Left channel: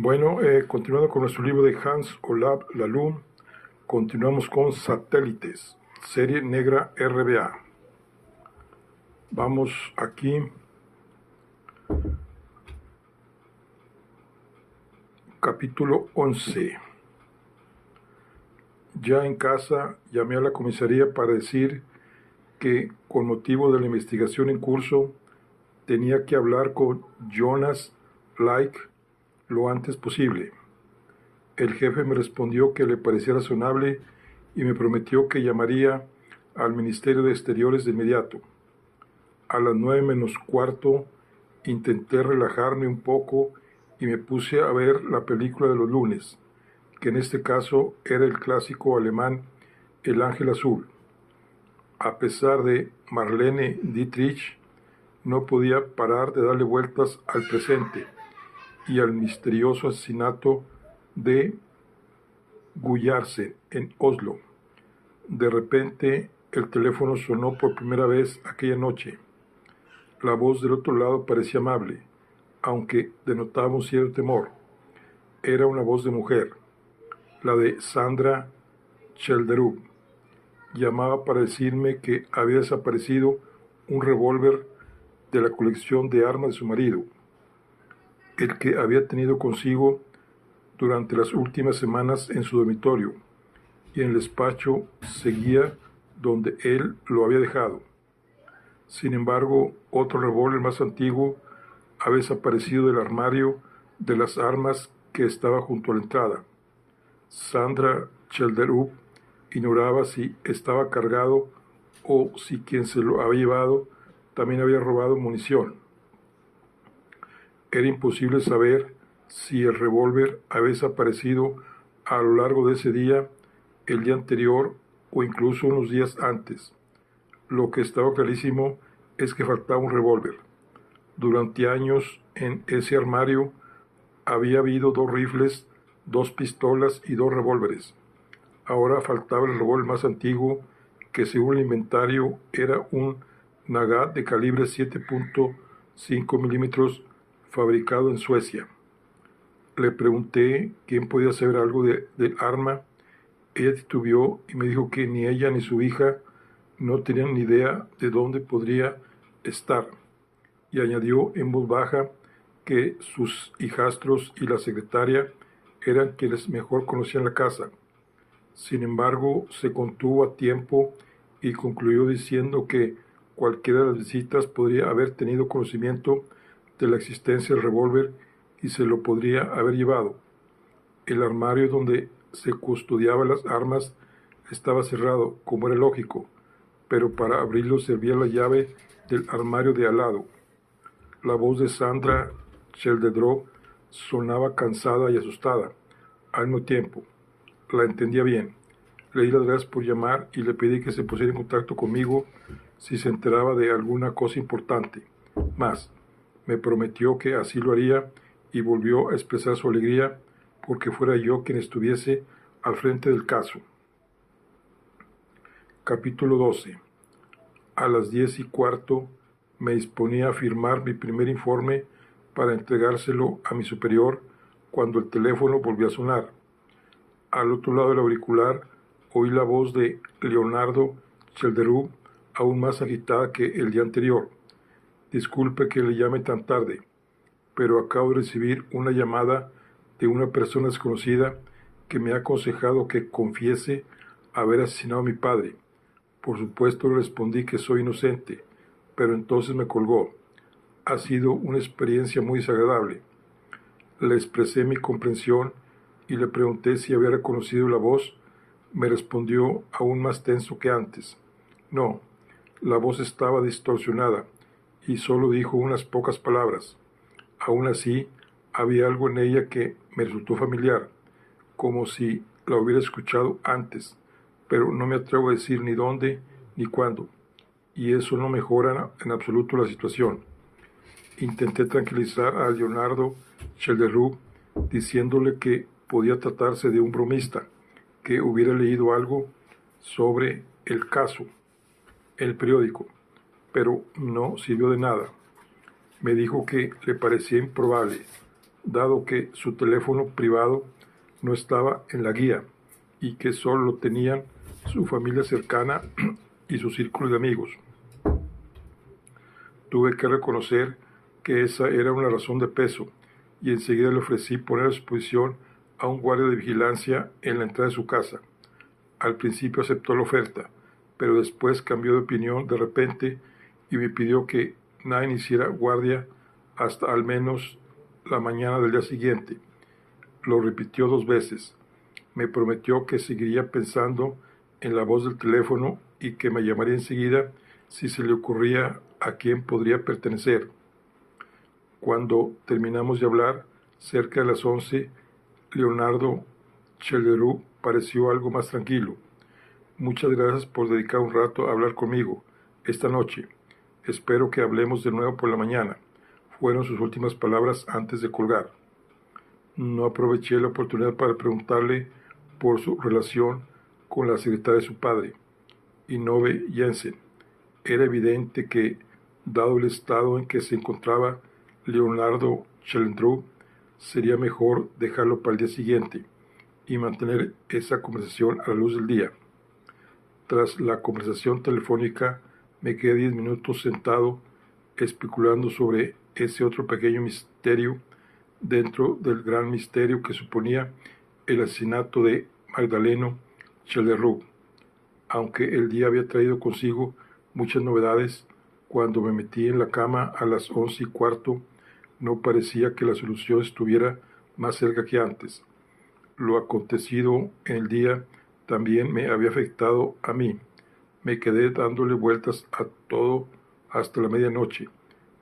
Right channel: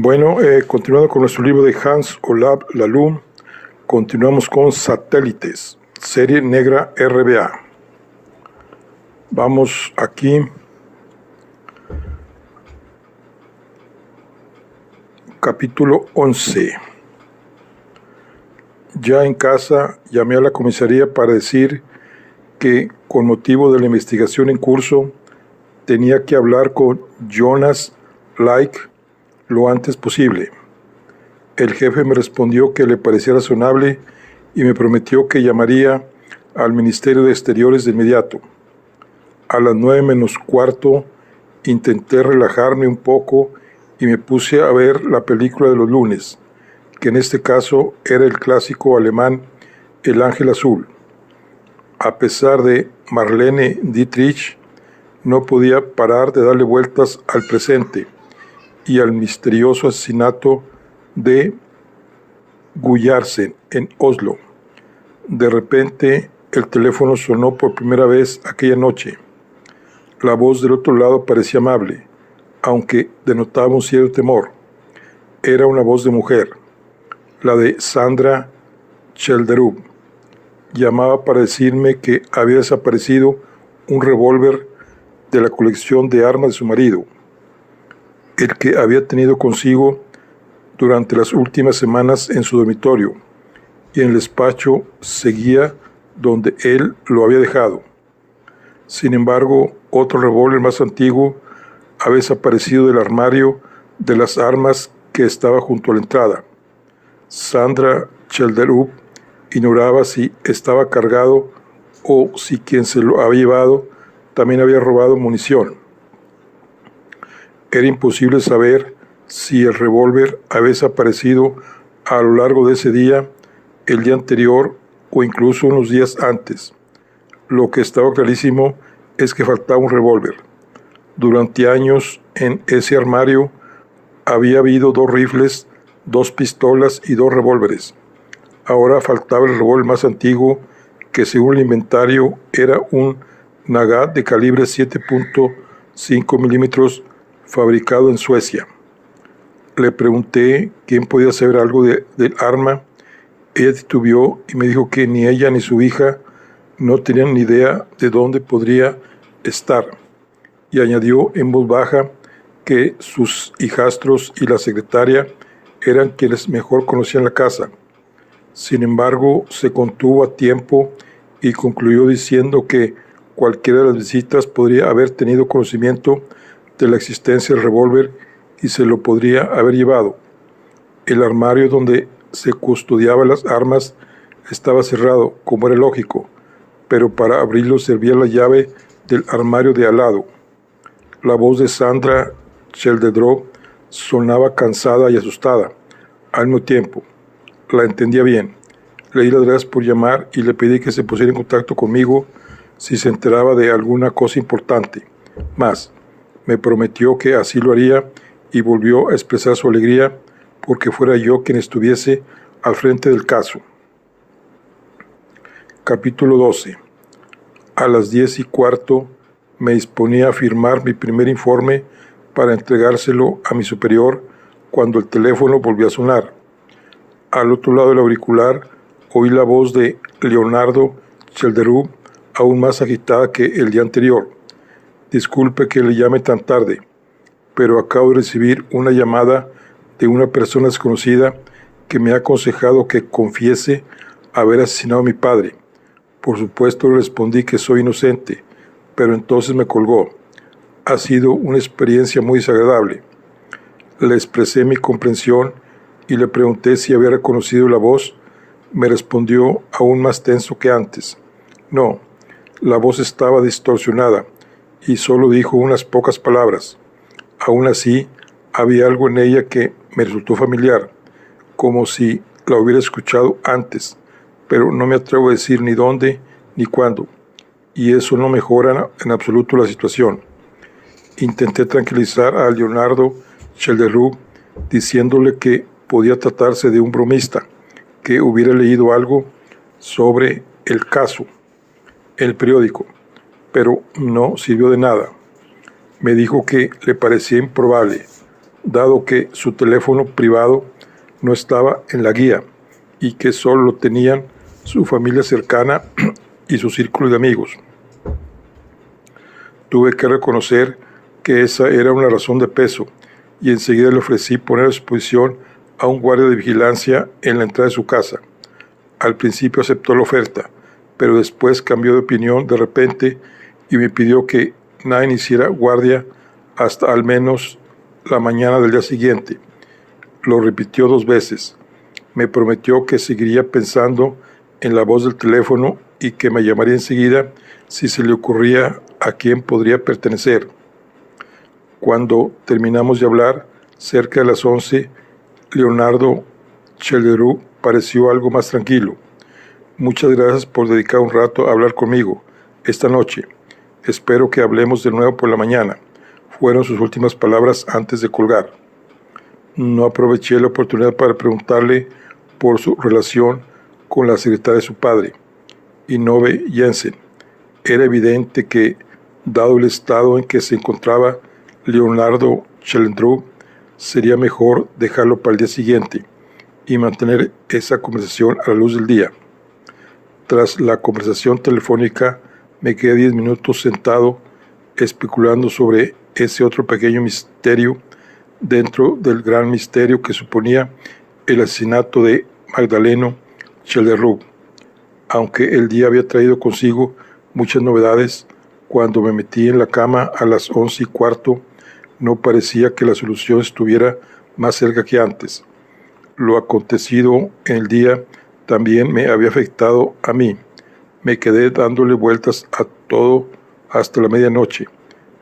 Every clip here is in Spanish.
Bueno, continuando con nuestro libro de Hans Olav Lalu, continuamos con Satélites, serie negra RBA. Vamos aquí, capítulo 11. Ya en casa llamé a la comisaría para decir que con motivo de la investigación en curso tenía que hablar con Jonas Like lo antes posible. El jefe me respondió que le parecía razonable y me prometió que llamaría al Ministerio de Exteriores de inmediato. A las 9:15 intenté relajarme un poco y me puse a ver la película de los lunes, que en este caso era el clásico alemán El Ángel Azul. A pesar de Marlene Dietrich, no podía parar de darle vueltas al presente y al misterioso asesinato de Gullarsen en Oslo. De repente el teléfono sonó por primera vez aquella noche. La voz del otro lado parecía amable, aunque denotaba un cierto temor. Era una voz de mujer, la de Sandra Chelderup. Llamaba para decirme que había desaparecido un revólver de la colección de armas de su marido, el que había tenido consigo durante las últimas semanas en su dormitorio, y en el despacho seguía donde él lo había dejado. Sin embargo, otro revólver más antiguo había desaparecido del armario de las armas que estaba junto a la entrada. Sandra Chelderup ignoraba si estaba cargado o si quien se lo había llevado también había robado munición. Era imposible saber si el revólver había desaparecido a lo largo de ese día, el día anterior o incluso unos días antes. Lo que estaba clarísimo es que faltaba un revólver. Durante años en ese armario había habido 2 rifles, 2 pistolas y 2 revólveres. Ahora faltaba el revólver más antiguo, que según el inventario era un Nagant de calibre 7.5 milímetros fabricado en Suecia. Le pregunté quién podía saber algo del arma. Ella titubeó y me dijo que ni ella ni su hija no tenían ni idea de dónde podría estar. Y añadió en voz baja que sus hijastros y la secretaria eran quienes mejor conocían la casa. Sin embargo, se contuvo a tiempo y concluyó diciendo que cualquiera de las visitas podría haber tenido conocimiento de la existencia del revólver y se lo podría haber llevado. El armario donde se custodiaban las armas estaba cerrado, como era lógico, pero para abrirlo servía la llave del armario de al lado. La voz de Sandra Chelderup sonaba cansada y asustada al mismo tiempo. La entendía bien. Le di las gracias por llamar y le pedí que se pusiera en contacto conmigo si se enteraba de alguna cosa importante. Más, me prometió que así lo haría y volvió a expresar su alegría porque fuera yo quien estuviese al frente del caso. Capítulo 12. A las 10:15 me disponía a firmar mi primer informe para entregárselo a mi superior cuando el teléfono volvió a sonar. Al otro lado del auricular oí la voz de Leonardo Chelderup, aún más agitada que el día anterior. Disculpe que le llame tan tarde, pero acabo de recibir una llamada de una persona desconocida que me ha aconsejado que confiese haber asesinado a mi padre. Por supuesto le respondí que soy inocente, pero entonces me colgó. Ha sido una experiencia muy desagradable. Le expresé mi comprensión y le pregunté si había reconocido la voz. Me respondió aún más tenso que antes. No, la voz estaba distorsionada y solo dijo unas pocas palabras. Aún así, había algo en ella que me resultó familiar, como si la hubiera escuchado antes, pero no me atrevo a decir ni dónde ni cuándo, y eso no mejora en absoluto la situación. Intenté tranquilizar a Leonardo Chelderup diciéndole que podía tratarse de un bromista, que hubiera leído algo sobre el caso en el periódico, pero no sirvió de nada. Me dijo que le parecía improbable. dado que su teléfono privado no estaba en la guía y que solo lo tenían su familia cercana y su círculo de amigos. Tuve que reconocer que esa era una razón de peso y enseguida le ofrecí poner a disposición a un guardia de vigilancia en la entrada de su casa. Al principio aceptó la oferta, pero después cambió de opinión de repente y me pidió que nadie hiciera guardia hasta al menos la mañana del día siguiente. Lo repitió 2 veces. Me prometió que seguiría pensando en la voz del teléfono y que me llamaría enseguida si se le ocurría a quién podría pertenecer. Cuando terminamos de hablar, cerca de las 11, Leonardo Chelderú pareció algo más tranquilo. Muchas gracias por dedicar un rato a hablar conmigo esta noche. Espero que hablemos de nuevo por la mañana, fueron sus últimas palabras antes de colgar. No aproveché la oportunidad para preguntarle por su relación con la secretaria de su padre, Inove Jensen. Era evidente que, dado el estado en que se encontraba Leonardo Chelderú, sería mejor dejarlo para el día siguiente y mantener esa conversación a la luz del día. Tras la conversación telefónica, me quedé 10 minutos sentado especulando sobre ese otro pequeño misterio dentro del gran misterio que suponía el asesinato de Magdaleno Chelderú. Aunque el día había traído consigo muchas novedades, cuando me metí en la cama a las 11:15, no parecía que la solución estuviera más cerca que antes. Lo acontecido en el día también me había afectado a mí. Me quedé dándole vueltas a todo hasta la medianoche,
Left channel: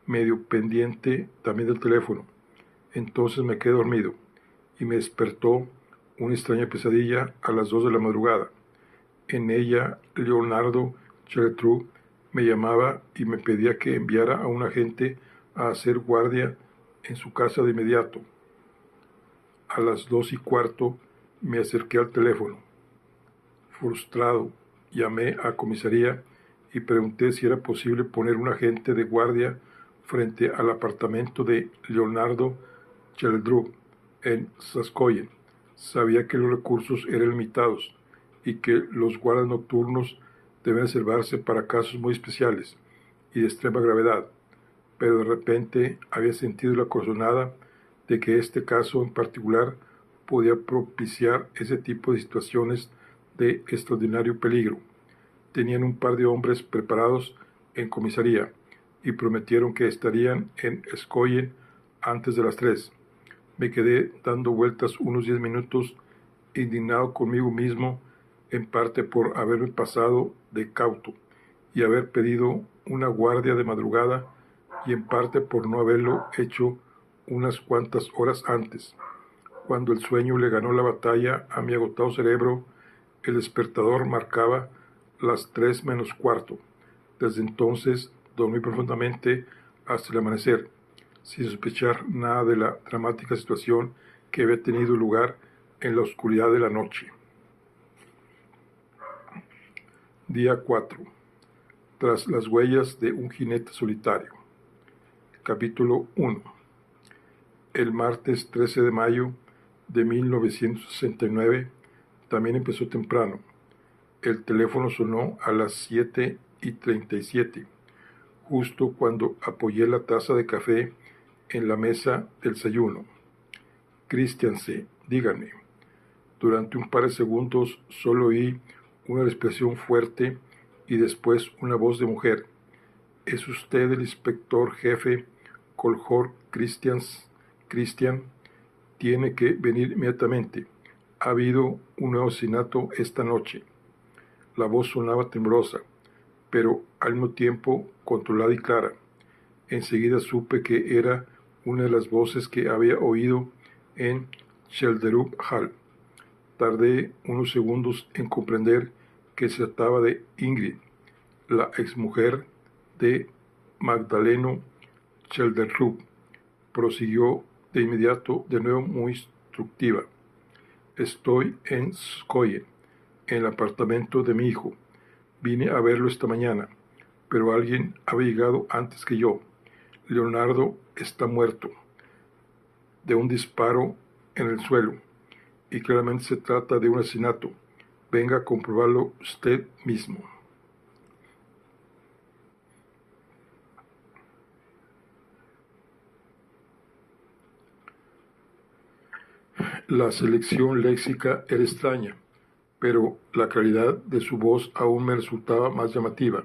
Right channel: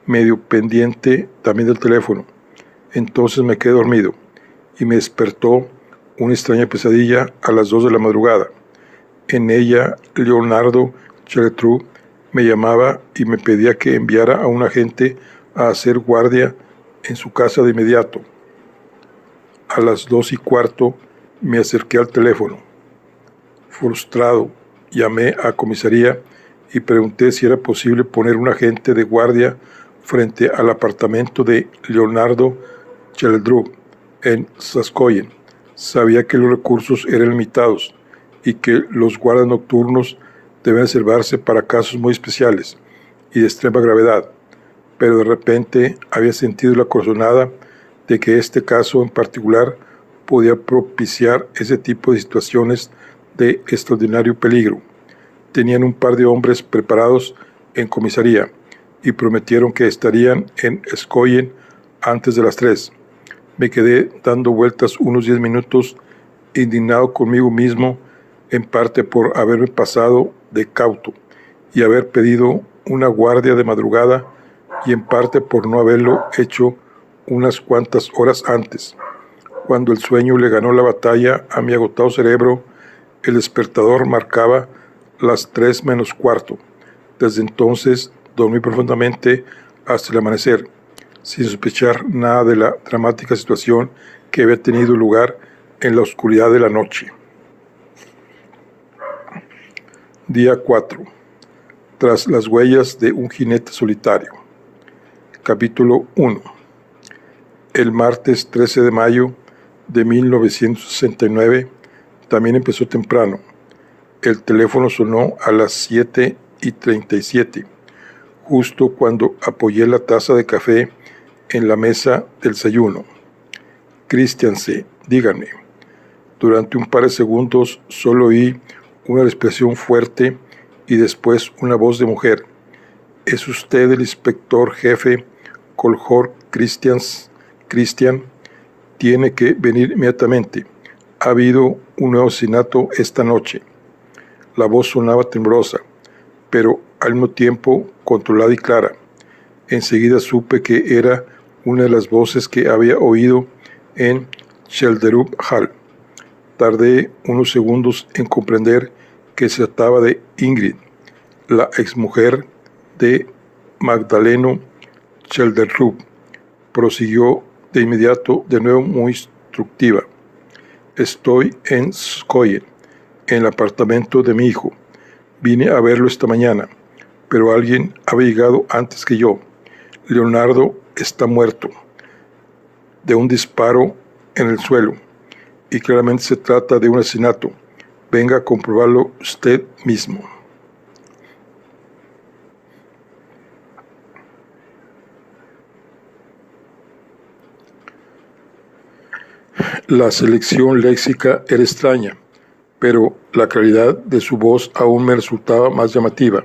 medio pendiente también del teléfono. Entonces me quedé dormido y me despertó una extraña pesadilla a las 2 de la madrugada. En ella, Leonardo Chelderú me llamaba y me pedía que enviara a un agente a hacer guardia en su casa de inmediato. A las 2:15 me acerqué al teléfono. Frustrado, llamé a comisaría y pregunté si era posible poner un agente de guardia frente al apartamento de Leonardo Chelderú en Saskoyen. Sabía que los recursos eran limitados y que los guardas nocturnos deben reservarse para casos muy especiales y de extrema gravedad, pero de repente había sentido la corazonada de que este caso en particular podía propiciar ese tipo de situaciones de extraordinario peligro. Tenían un par de hombres preparados en comisaría y prometieron que estarían en Skoyen antes de las 3. Me quedé dando vueltas unos 10 minutos, indignado conmigo mismo, en parte por haberme pasado de cauto y haber pedido una guardia de madrugada, y en parte por no haberlo hecho unas cuantas horas antes. Cuando el sueño le ganó la batalla a mi agotado cerebro, el despertador marcaba las 3:15. Desde entonces dormí profundamente hasta el amanecer, sin sospechar nada de la dramática situación que había tenido lugar en la oscuridad de la noche. Día 4. Tras las huellas de un jinete solitario. Capítulo 1. El martes 13 de mayo de 1969 también empezó temprano. El teléfono sonó a las 7:37, justo cuando apoyé la taza de café en la mesa del desayuno. Christianse, díganme. Durante un par de segundos solo oí una respiración fuerte y después una voz de mujer. ¿Es usted el inspector jefe Kolhor Christian? Tiene que venir inmediatamente. Ha habido un nuevo asesinato esta noche. La voz sonaba temblorosa, pero al mismo tiempo controlada y clara. Enseguida supe que era una de las voces que había oído en Chelderú Hall. Tardé unos segundos en comprender que se trataba de Ingrid, la exmujer de Magdaleno Chelderú. Prosiguió de inmediato, de nuevo muy instructiva. Estoy en Skoyen, en el apartamento de mi hijo. Vine a verlo esta mañana, pero alguien había llegado antes que yo. Leonardo está muerto. de un disparo en el suelo, y claramente se trata de un asesinato. Venga a comprobarlo usted mismo. La selección léxica era extraña, pero la claridad de su voz aún me resultaba más llamativa,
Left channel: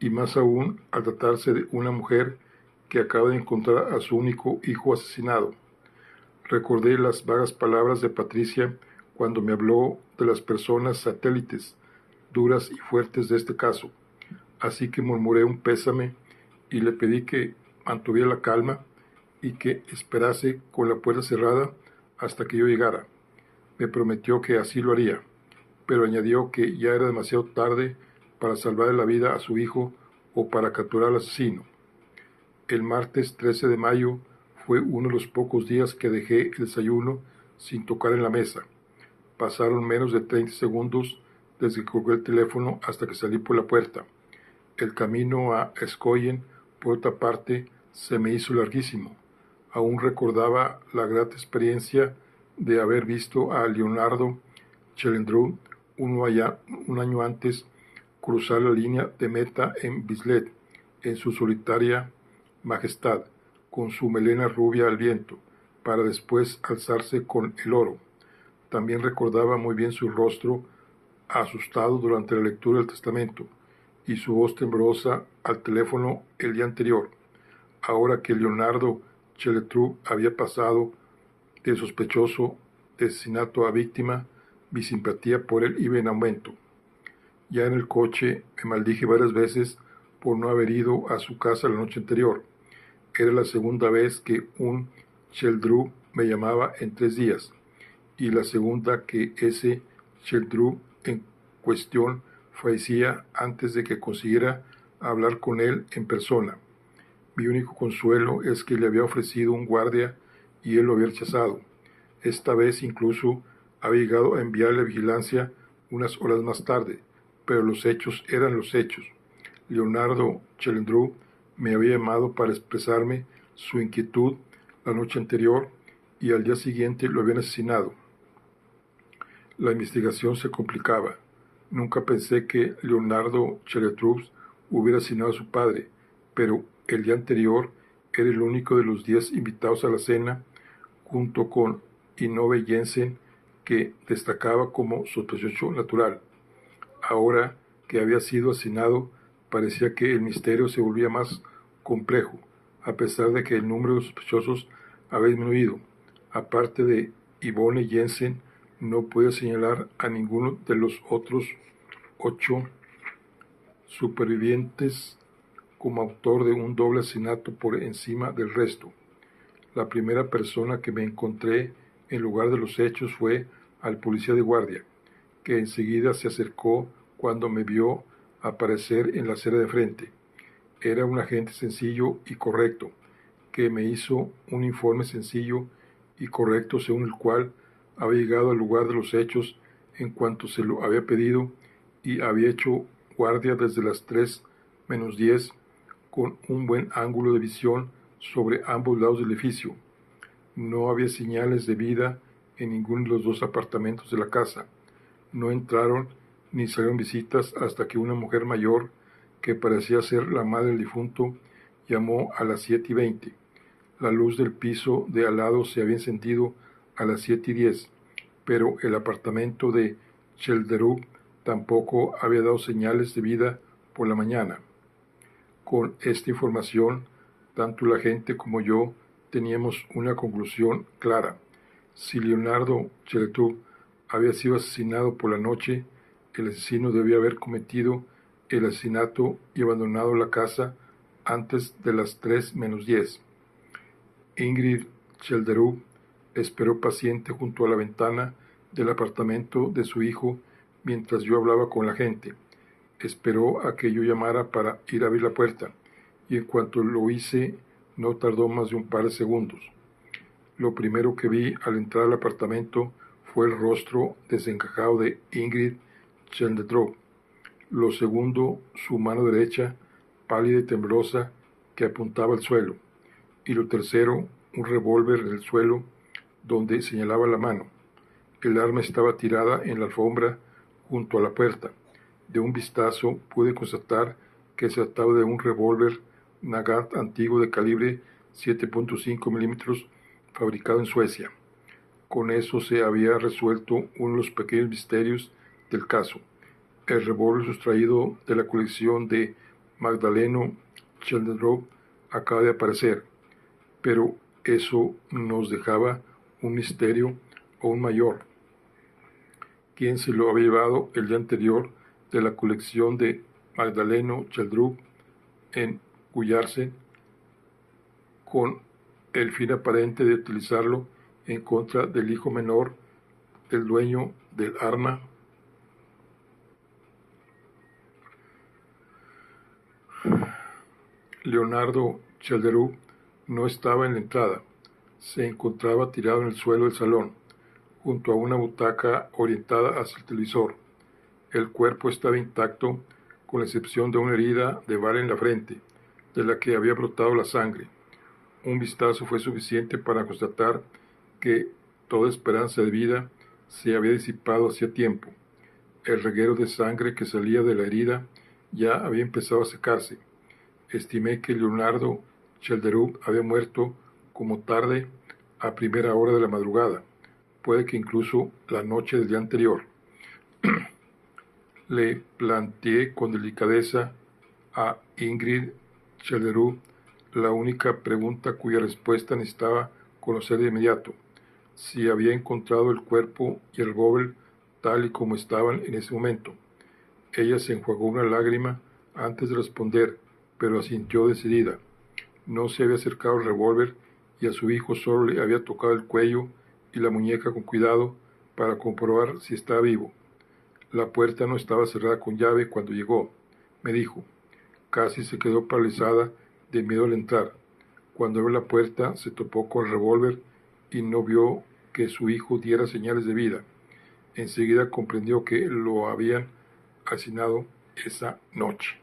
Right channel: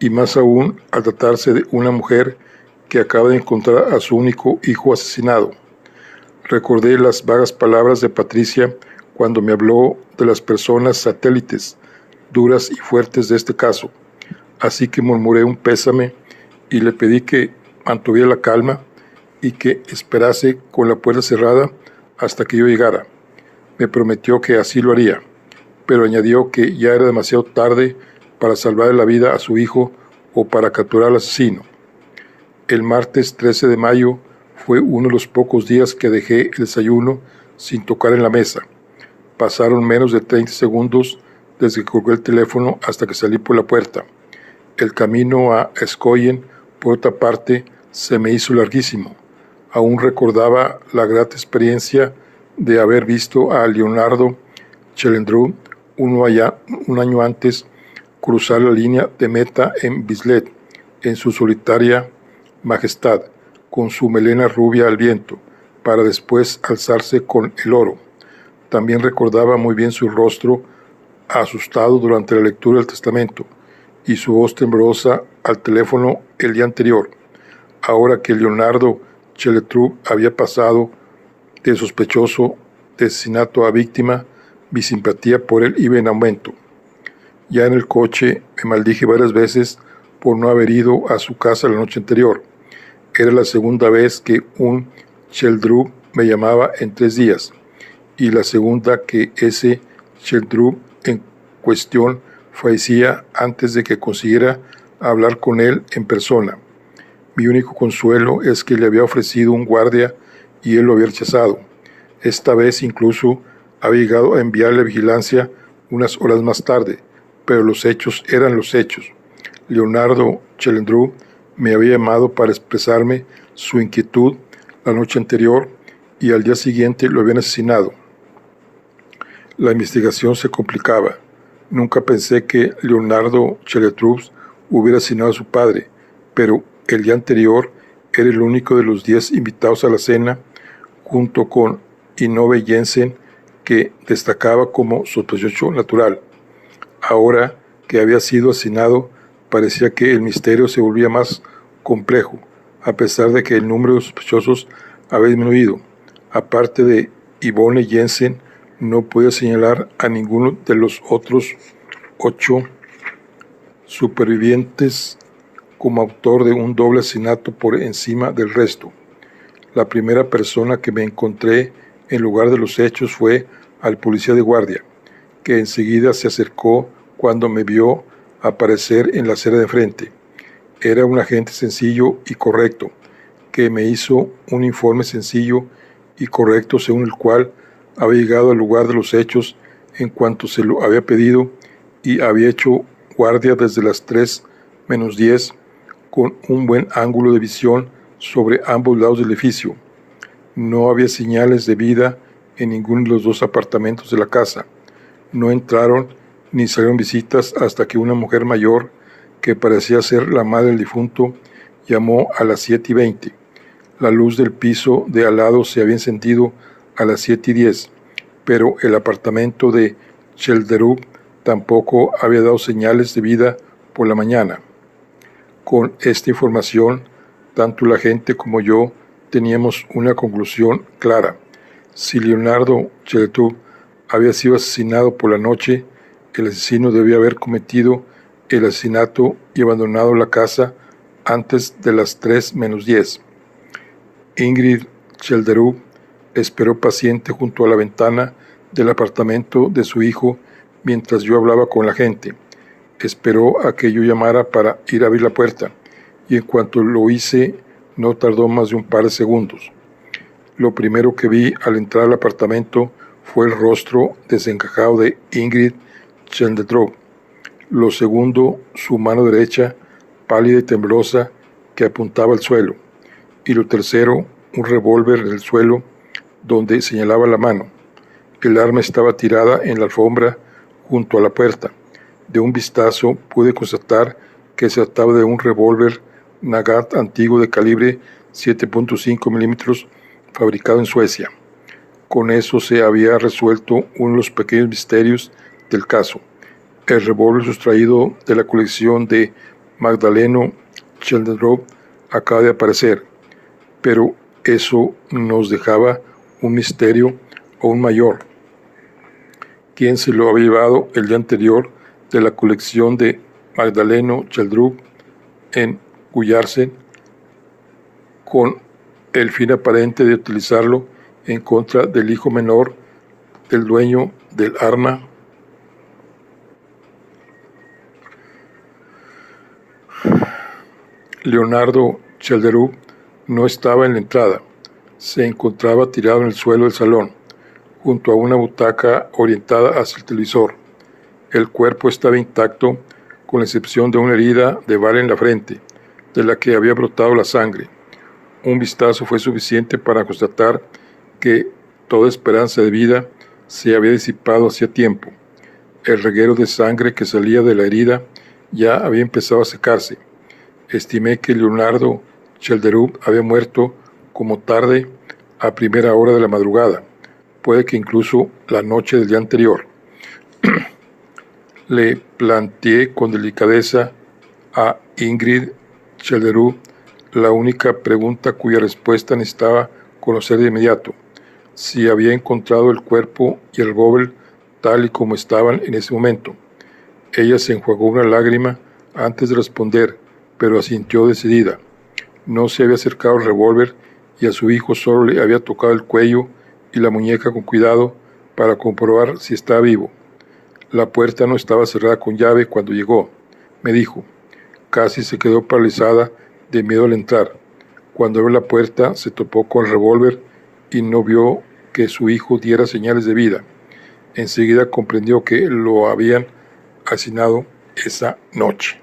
y más aún al tratarse de una mujer que acaba de encontrar a su único hijo asesinado. Recordé las vagas palabras de Patricia cuando me habló de las personas satélites, duras y fuertes de este caso, así que murmuré un pésame y le pedí que mantuviera la calma y que esperase con la puerta cerrada hasta que yo llegara. Me prometió que así lo haría, pero añadió que ya era demasiado tarde para salvar la vida a su hijo o para capturar al asesino. El martes 13 de mayo fue uno de los pocos días que dejé el desayuno sin tocar en la mesa. Pasaron menos de 30 segundos desde que colgué el teléfono hasta que salí por la puerta. El camino a Escoyen, por otra parte, se me hizo larguísimo. Aún recordaba la grata experiencia de haber visto a Leonardo Chelendreau un año antes cruzar la línea de meta en Bislett en su solitaria majestad, con su melena rubia al viento, para después alzarse con el oro. También recordaba muy bien su rostro asustado durante la lectura del testamento y su voz temblorosa al teléfono el día anterior. Ahora que Leonardo Chelendreau había pasado de sospechoso de asesinato a víctima, mi simpatía por él iba en aumento. Ya en el coche me maldije varias veces por no haber ido a su casa la noche anterior. Era la segunda vez que un Chelendreau me llamaba en 3 días, y la segunda que ese Chelendreau en cuestión fallecía antes de que consiguiera hablar con él en persona. Mi único consuelo es que le había ofrecido un guardia y él lo había rechazado. Esta vez incluso había llegado a enviarle vigilancia unas horas más tarde, pero los hechos eran los hechos. Leonardo Chelendreau me había llamado para expresarme su inquietud la noche anterior y al día siguiente lo habían asesinado. La investigación se complicaba. Nunca pensé que Leonardo Chelendreau hubiera asesinado a su padre, pero el día anterior era el único de los 10 invitados a la cena, junto con Inove Jensen, que destacaba como sospechoso natural. Ahora que había sido asesinado, parecía que el misterio se volvía más complejo, a pesar de que el número de sospechosos había disminuido. Aparte de Yvonne Jensen, no podía señalar a ninguno de los otros 8 supervivientes como autor de un doble asesinato por encima del resto. La primera persona que me encontré en lugar de los hechos fue al policía de guardia, que enseguida se acercó cuando me vio aparecer en la acera de frente. Era un agente sencillo y correcto, que me hizo un informe sencillo y correcto según el cual había llegado al lugar de los hechos en cuanto se lo había pedido y había hecho guardia desde las 3 menos 10 con un buen ángulo de visión sobre ambos lados del edificio. No había señales de vida en ninguno de los 2 apartamentos de la casa. No entraron ni salieron visitas hasta que una mujer mayor, que parecía ser la madre del difunto, llamó a las 7:20. La luz del piso de al lado se había encendido a las 7:10, pero el apartamento de Chelendreau tampoco había dado señales de vida por la mañana. Con esta información, tanto la gente como yo teníamos una conclusión clara. Si Leonardo Chelendreau había sido asesinado por la noche, el asesino debía haber cometido el asesinato y abandonado la casa antes de las 3 menos 10. Ingrid Chelendreau esperó paciente junto a la ventana del apartamento de su hijo mientras yo hablaba con la gente. Esperó a que yo llamara para ir a abrir la puerta, y en cuanto lo hice, no tardó más de un par de segundos. Lo primero que vi al entrar al apartamento fue el rostro desencajado de Ingrid Chelendreau. Lo segundo, su mano derecha, pálida y temblorosa, que apuntaba al suelo. Y lo tercero, un revólver en el suelo donde señalaba la mano. El arma estaba tirada en la alfombra junto a la puerta. De un vistazo pude constatar que se trataba de un revólver Nagant antiguo de calibre 7.5 milímetros fabricado en Suecia. Con eso se había resuelto uno de los pequeños misterios del caso. El revólver sustraído de la colección de Magdaleno Schjelderup acaba de aparecer, pero eso nos dejaba un misterio aún mayor. ¿Quién se lo había llevado el día anterior de la colección de Magdaleno Schjelderup en Gullarsen con el fin aparente de utilizarlo en contra del hijo menor del dueño del arma? Leonardo Schjelderup no estaba en la entrada. Se encontraba tirado en el suelo del salón, junto a una butaca orientada hacia el televisor. El cuerpo estaba intacto, con la excepción de una herida de bala en la frente, de la que había brotado la sangre. Un vistazo fue suficiente para constatar que toda esperanza de vida se había disipado hacía tiempo. El reguero de sangre que salía de la herida ya había empezado a secarse. Estimé que Leonardo Schjelderup había muerto como tarde a primera hora de la madrugada, puede que incluso la noche del día anterior. Le planteé con delicadeza a Ingrid Schjelderup la única pregunta cuya respuesta necesitaba conocer de inmediato: si había encontrado el cuerpo y el revólver tal y como estaban en ese momento. Ella se enjuagó una lágrima antes de responder, pero asintió decidida. No se había acercado al revólver y a su hijo solo le había tocado el cuello y la muñeca con cuidado para comprobar si estaba vivo. La puerta no estaba cerrada con llave cuando llegó, me dijo. Casi se quedó paralizada de miedo al entrar. Cuando abrió la puerta se topó con el revólver y no vio que su hijo diera señales de vida. Enseguida comprendió que lo habían asesinado esa noche.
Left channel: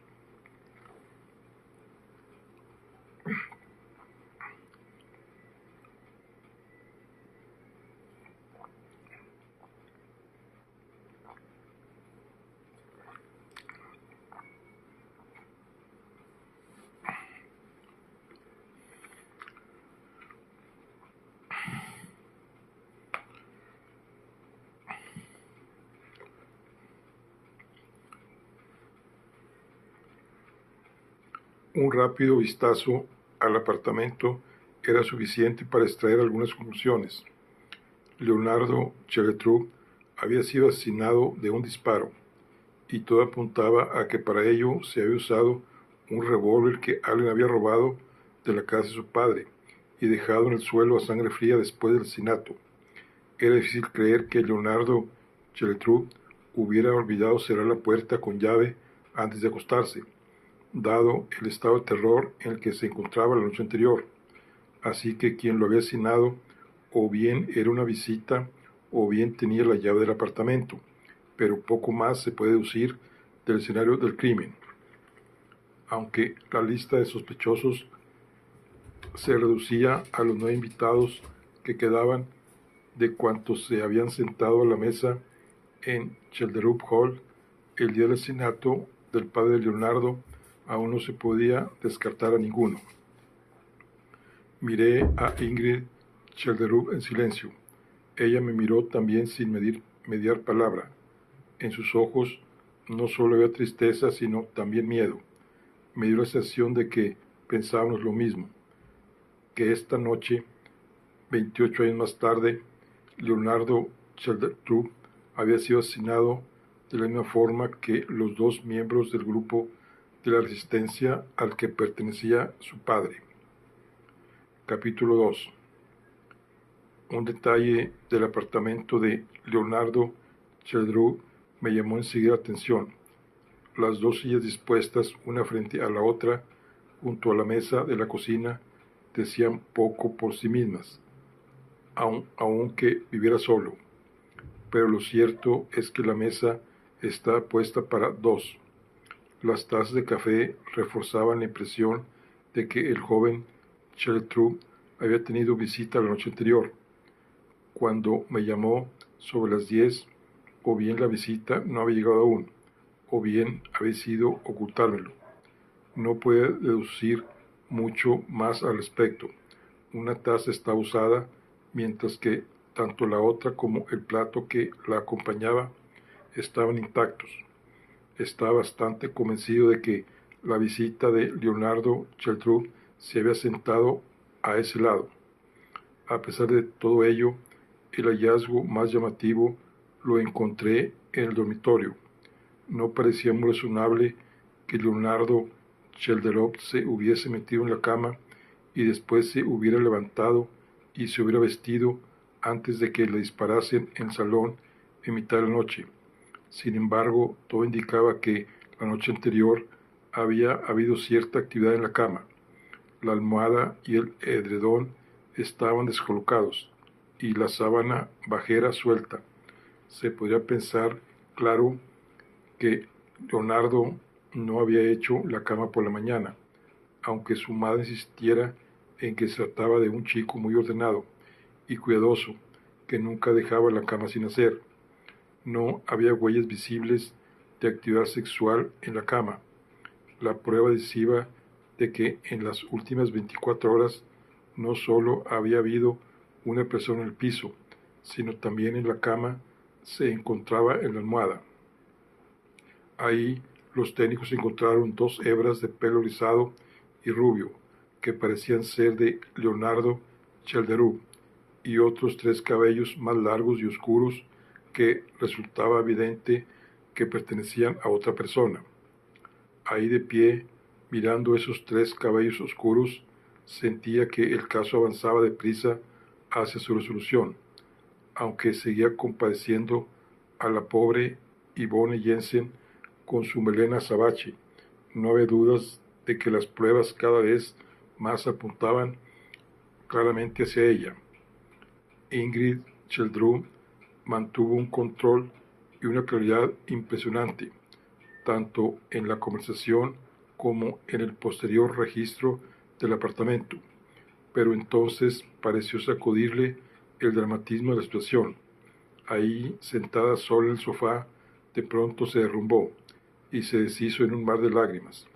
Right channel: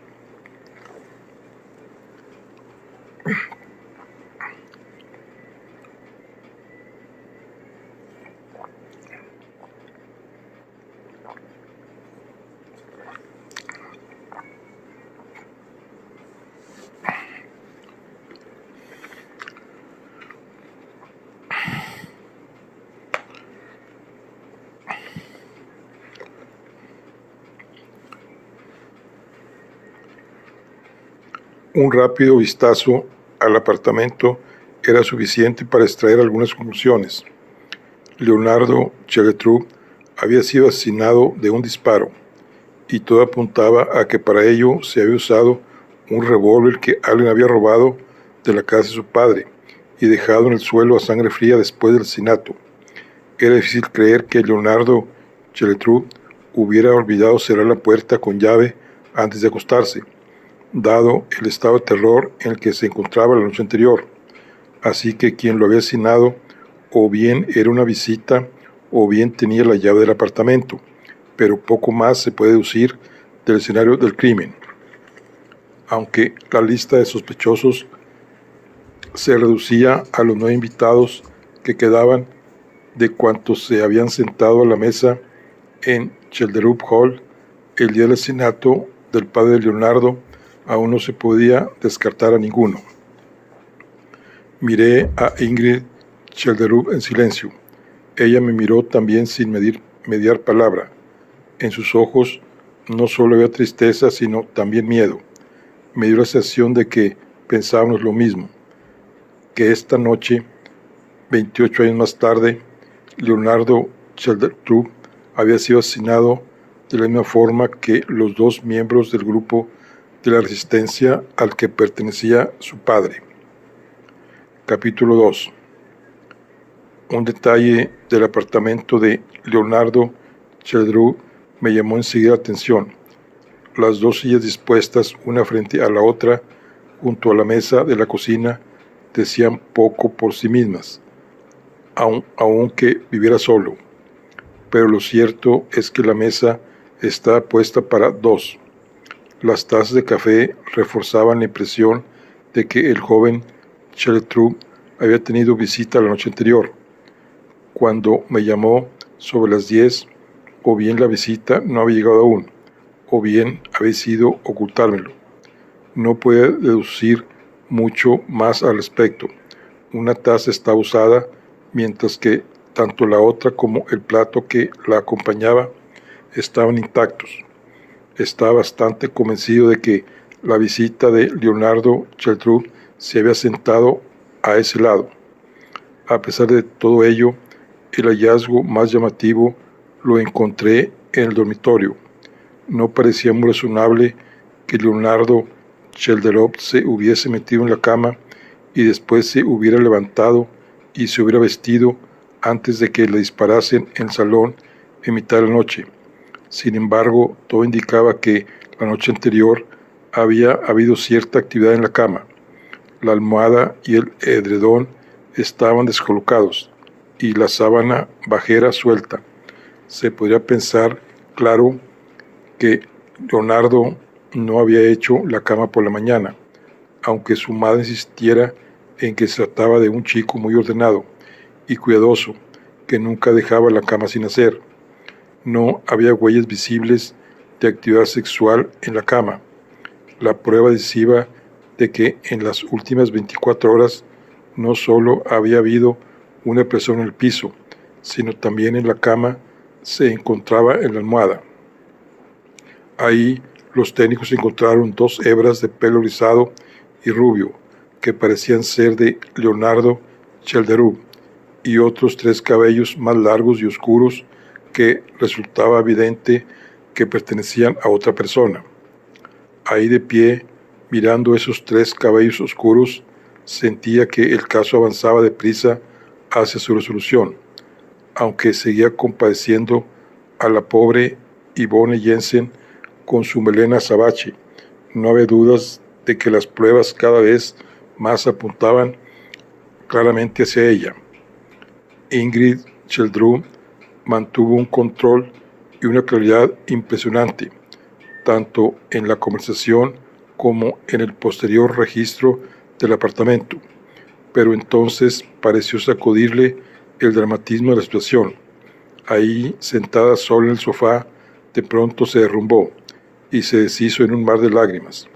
Un rápido vistazo al apartamento era suficiente para extraer algunas conclusiones. Leonardo Schjelderup había sido asesinado de un disparo, y todo apuntaba a que para ello se había usado un revólver que alguien había robado de la casa de su padre y dejado en el suelo a sangre fría después del asesinato. Era difícil creer que Leonardo Schjelderup hubiera olvidado cerrar la puerta con llave antes de acostarse, dado el estado de terror en el que se encontraba la noche anterior. Así que quien lo había asesinado o bien era una visita o bien tenía la llave del apartamento, pero poco más se puede deducir del escenario del crimen. Aunque la lista de sospechosos se reducía a los 9 invitados que quedaban de cuantos se habían sentado a la mesa en Schjelderup Hall el día del asesinato del padre de Leonardo, aún no se podía descartar a ninguno. Miré a Ingrid Schjelderup en silencio. Ella me miró también sin mediar palabra. En sus ojos no solo había tristeza, sino también miedo. Me dio la sensación de que pensábamos lo mismo, que esta noche, 28 años más tarde, Leonardo Schjelderup había sido asesinado de la misma forma que los 2 miembros del grupo de la resistencia al que pertenecía su padre. Capítulo 2. Un detalle del apartamento de Leonardo Schjelderup me llamó enseguida la atención. Las 2 sillas dispuestas una frente a la otra junto a la mesa de la cocina decían poco por sí mismas, aunque viviera solo. Pero lo cierto es que la mesa estaba puesta para 2. Las tazas de café reforzaban la impresión de que el joven Schjelderup había tenido visita la noche anterior. Cuando me llamó sobre las 10, o bien la visita no había llegado aún, o bien había sido ocultármelo. No podía deducir mucho más al respecto. Una taza estaba usada, mientras que tanto la otra como el plato que la acompañaba estaban intactos. Estaba bastante convencido de que la visita de Leonardo Cheltrud se había sentado a ese lado. A pesar de todo ello, el hallazgo más llamativo lo encontré en el dormitorio. No parecía muy razonable que Leonardo Chelderov se hubiese metido en la cama y después se hubiera levantado y se hubiera vestido antes de que le disparasen en el salón en mitad de la noche. Sin embargo, todo indicaba que la noche anterior había habido cierta actividad en la cama. La almohada y el edredón estaban descolocados y la sábana bajera suelta. Se podría pensar, claro, que Leonardo no había hecho la cama por la mañana, aunque su madre insistiera en que se trataba de un chico muy ordenado y cuidadoso, que nunca dejaba la cama sin hacer. No había huellas visibles de actividad sexual en la cama. La prueba decisiva de que en las últimas 24 horas no solo había habido una persona en el piso, sino también en la cama se encontraba en la almohada. Ahí los técnicos encontraron 2 hebras de pelo rizado y rubio que parecían ser de Leonardo Chelderov y otros 3 cabellos más largos y oscuros que resultaba evidente que pertenecían a otra persona. Ahí de pie, mirando esos 3 cabellos oscuros, sentía que el caso avanzaba deprisa hacia su resolución, aunque seguía compadeciendo a la pobre Yvonne Jensen con su melena azabache. No había dudas de que las pruebas cada vez más apuntaban claramente hacia ella. Ingrid Cheltrud mantuvo un control y una claridad impresionante, tanto en la conversación como en el posterior registro del apartamento, pero entonces pareció sacudirle el dramatismo de la situación. Ahí, sentada sola en el sofá, de pronto se derrumbó y se deshizo en un mar de lágrimas.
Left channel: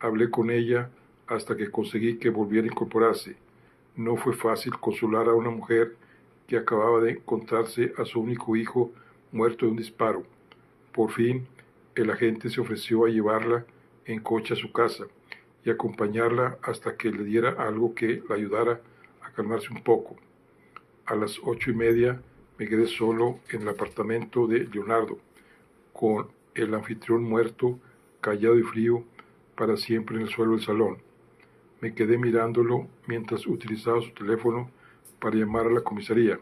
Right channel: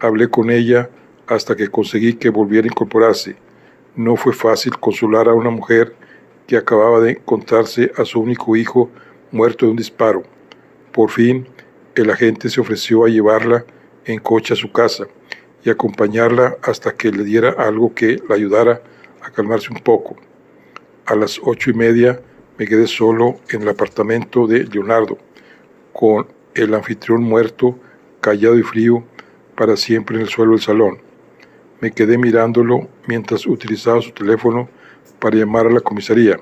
Hablé con ella hasta que conseguí que volviera a incorporarse. No fue fácil consolar a una mujer que acababa de encontrarse a su único hijo muerto de un disparo. Por fin, el agente se ofreció a llevarla en coche a su casa y acompañarla hasta que le diera algo que la ayudara a calmarse un poco. A las 8:30 me quedé solo en el apartamento de Leonardo, con el anfitrión muerto, callado y frío, para siempre en el suelo del salón. Me quedé mirándolo mientras utilizaba su teléfono para llamar a la comisaría,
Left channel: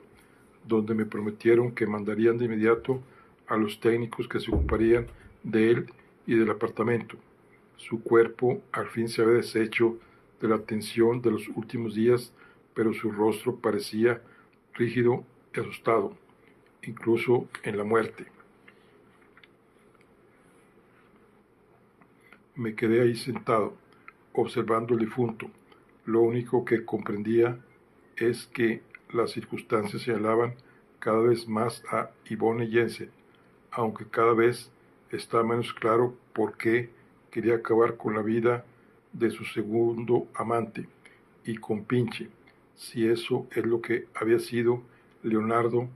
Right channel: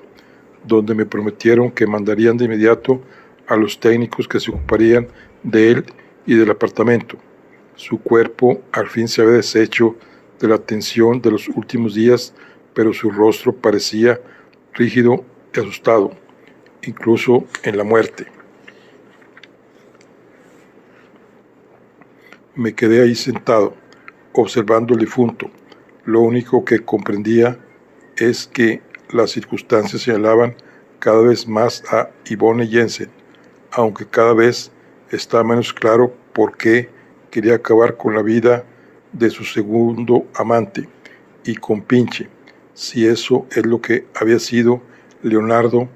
donde me prometieron que mandarían de inmediato a los técnicos que se ocuparían de él y del apartamento. Su cuerpo al fin se había deshecho de la tensión de los últimos días, pero su rostro parecía rígido y asustado, incluso en la muerte. Me quedé ahí sentado, observando al difunto. Lo único que comprendía es que las circunstancias señalaban cada vez más a Yvonne Jensen, aunque cada vez está menos claro por qué quería acabar con la vida de su segundo amante y compinche. Si eso es lo que había sido Leonardo,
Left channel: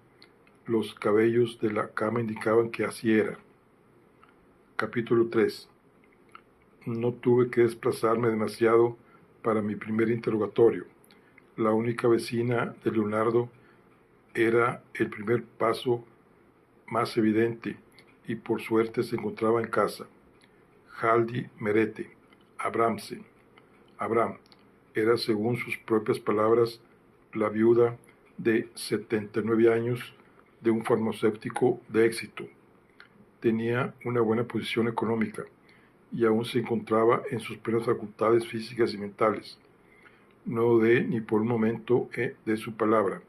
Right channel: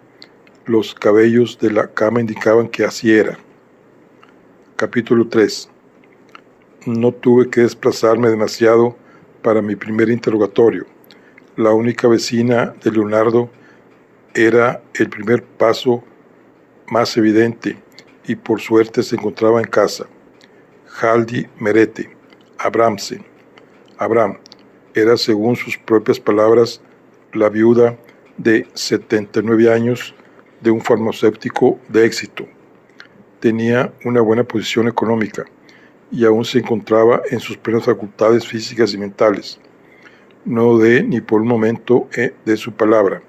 los cabellos de la cama indicaban que así era. Capítulo 3. No tuve que desplazarme demasiado para mi primer interrogatorio. La única vecina de Leonardo era el primer paso más evidente y por suerte se encontraba en casa. Haldi Merete Abramsen. Abraham era, según sus propias palabras, la viuda de 79 años de un farmacéutico de éxito. Tenía una buena posición económica y aún se encontraba en sus plenas facultades físicas y mentales. No dudé ni por un momento de su palabra.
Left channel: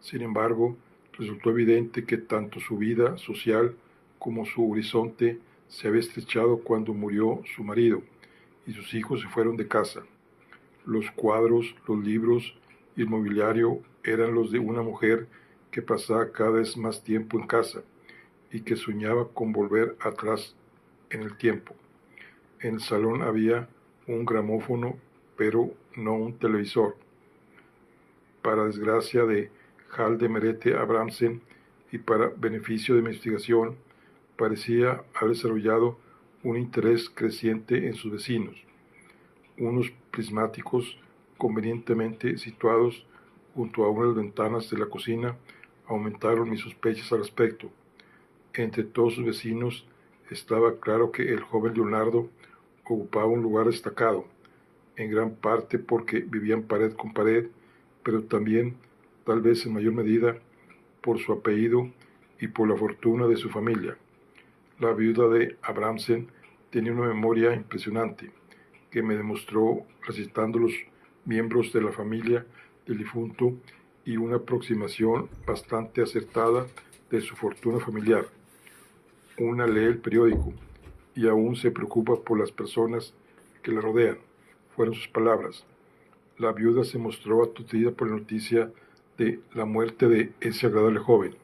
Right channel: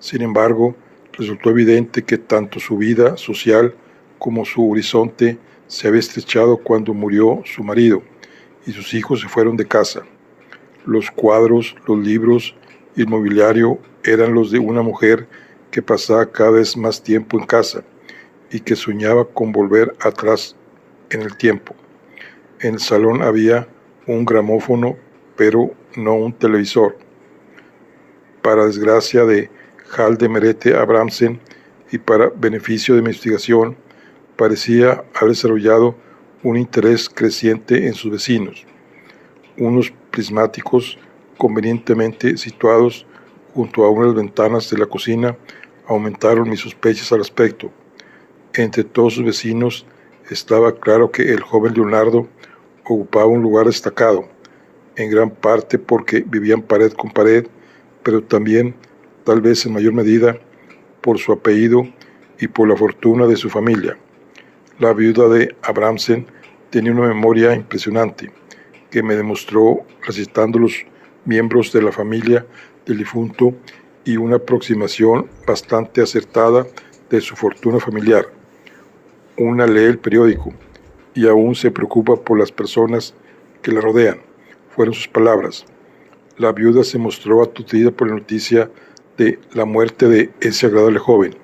Sin embargo, resultó evidente que tanto su vida social como su horizonte se había estrechado cuando murió su marido y sus hijos se fueron de casa. Los cuadros, los libros y el mobiliario eran los de una mujer que pasaba cada vez más tiempo en casa y que soñaba con volver atrás en el tiempo. En el salón había un gramófono, pero no un televisor. Para desgracia de Hal de Merete Abramsen y para beneficio de mi investigación, parecía haber desarrollado un interés creciente en sus vecinos. Unos prismáticos convenientemente situados junto a una de las ventanas de la cocina aumentaron mis sospechas al respecto. Entre todos sus vecinos estaba claro que el joven Leonardo ocupaba un lugar destacado, en gran parte porque vivían pared con pared, pero también, tal vez en mayor medida, por su apellido y por la fortuna de su familia. La viuda de Abramsen tenía una memoria impresionante, que me demostró recitando los miembros de la familia del difunto y una aproximación bastante acertada de su fortuna familiar. Una lee el periódico y aún se preocupa por las personas que la rodean, fueron sus palabras. La viuda se mostró aturdida por la noticia de la muerte de ese agradable joven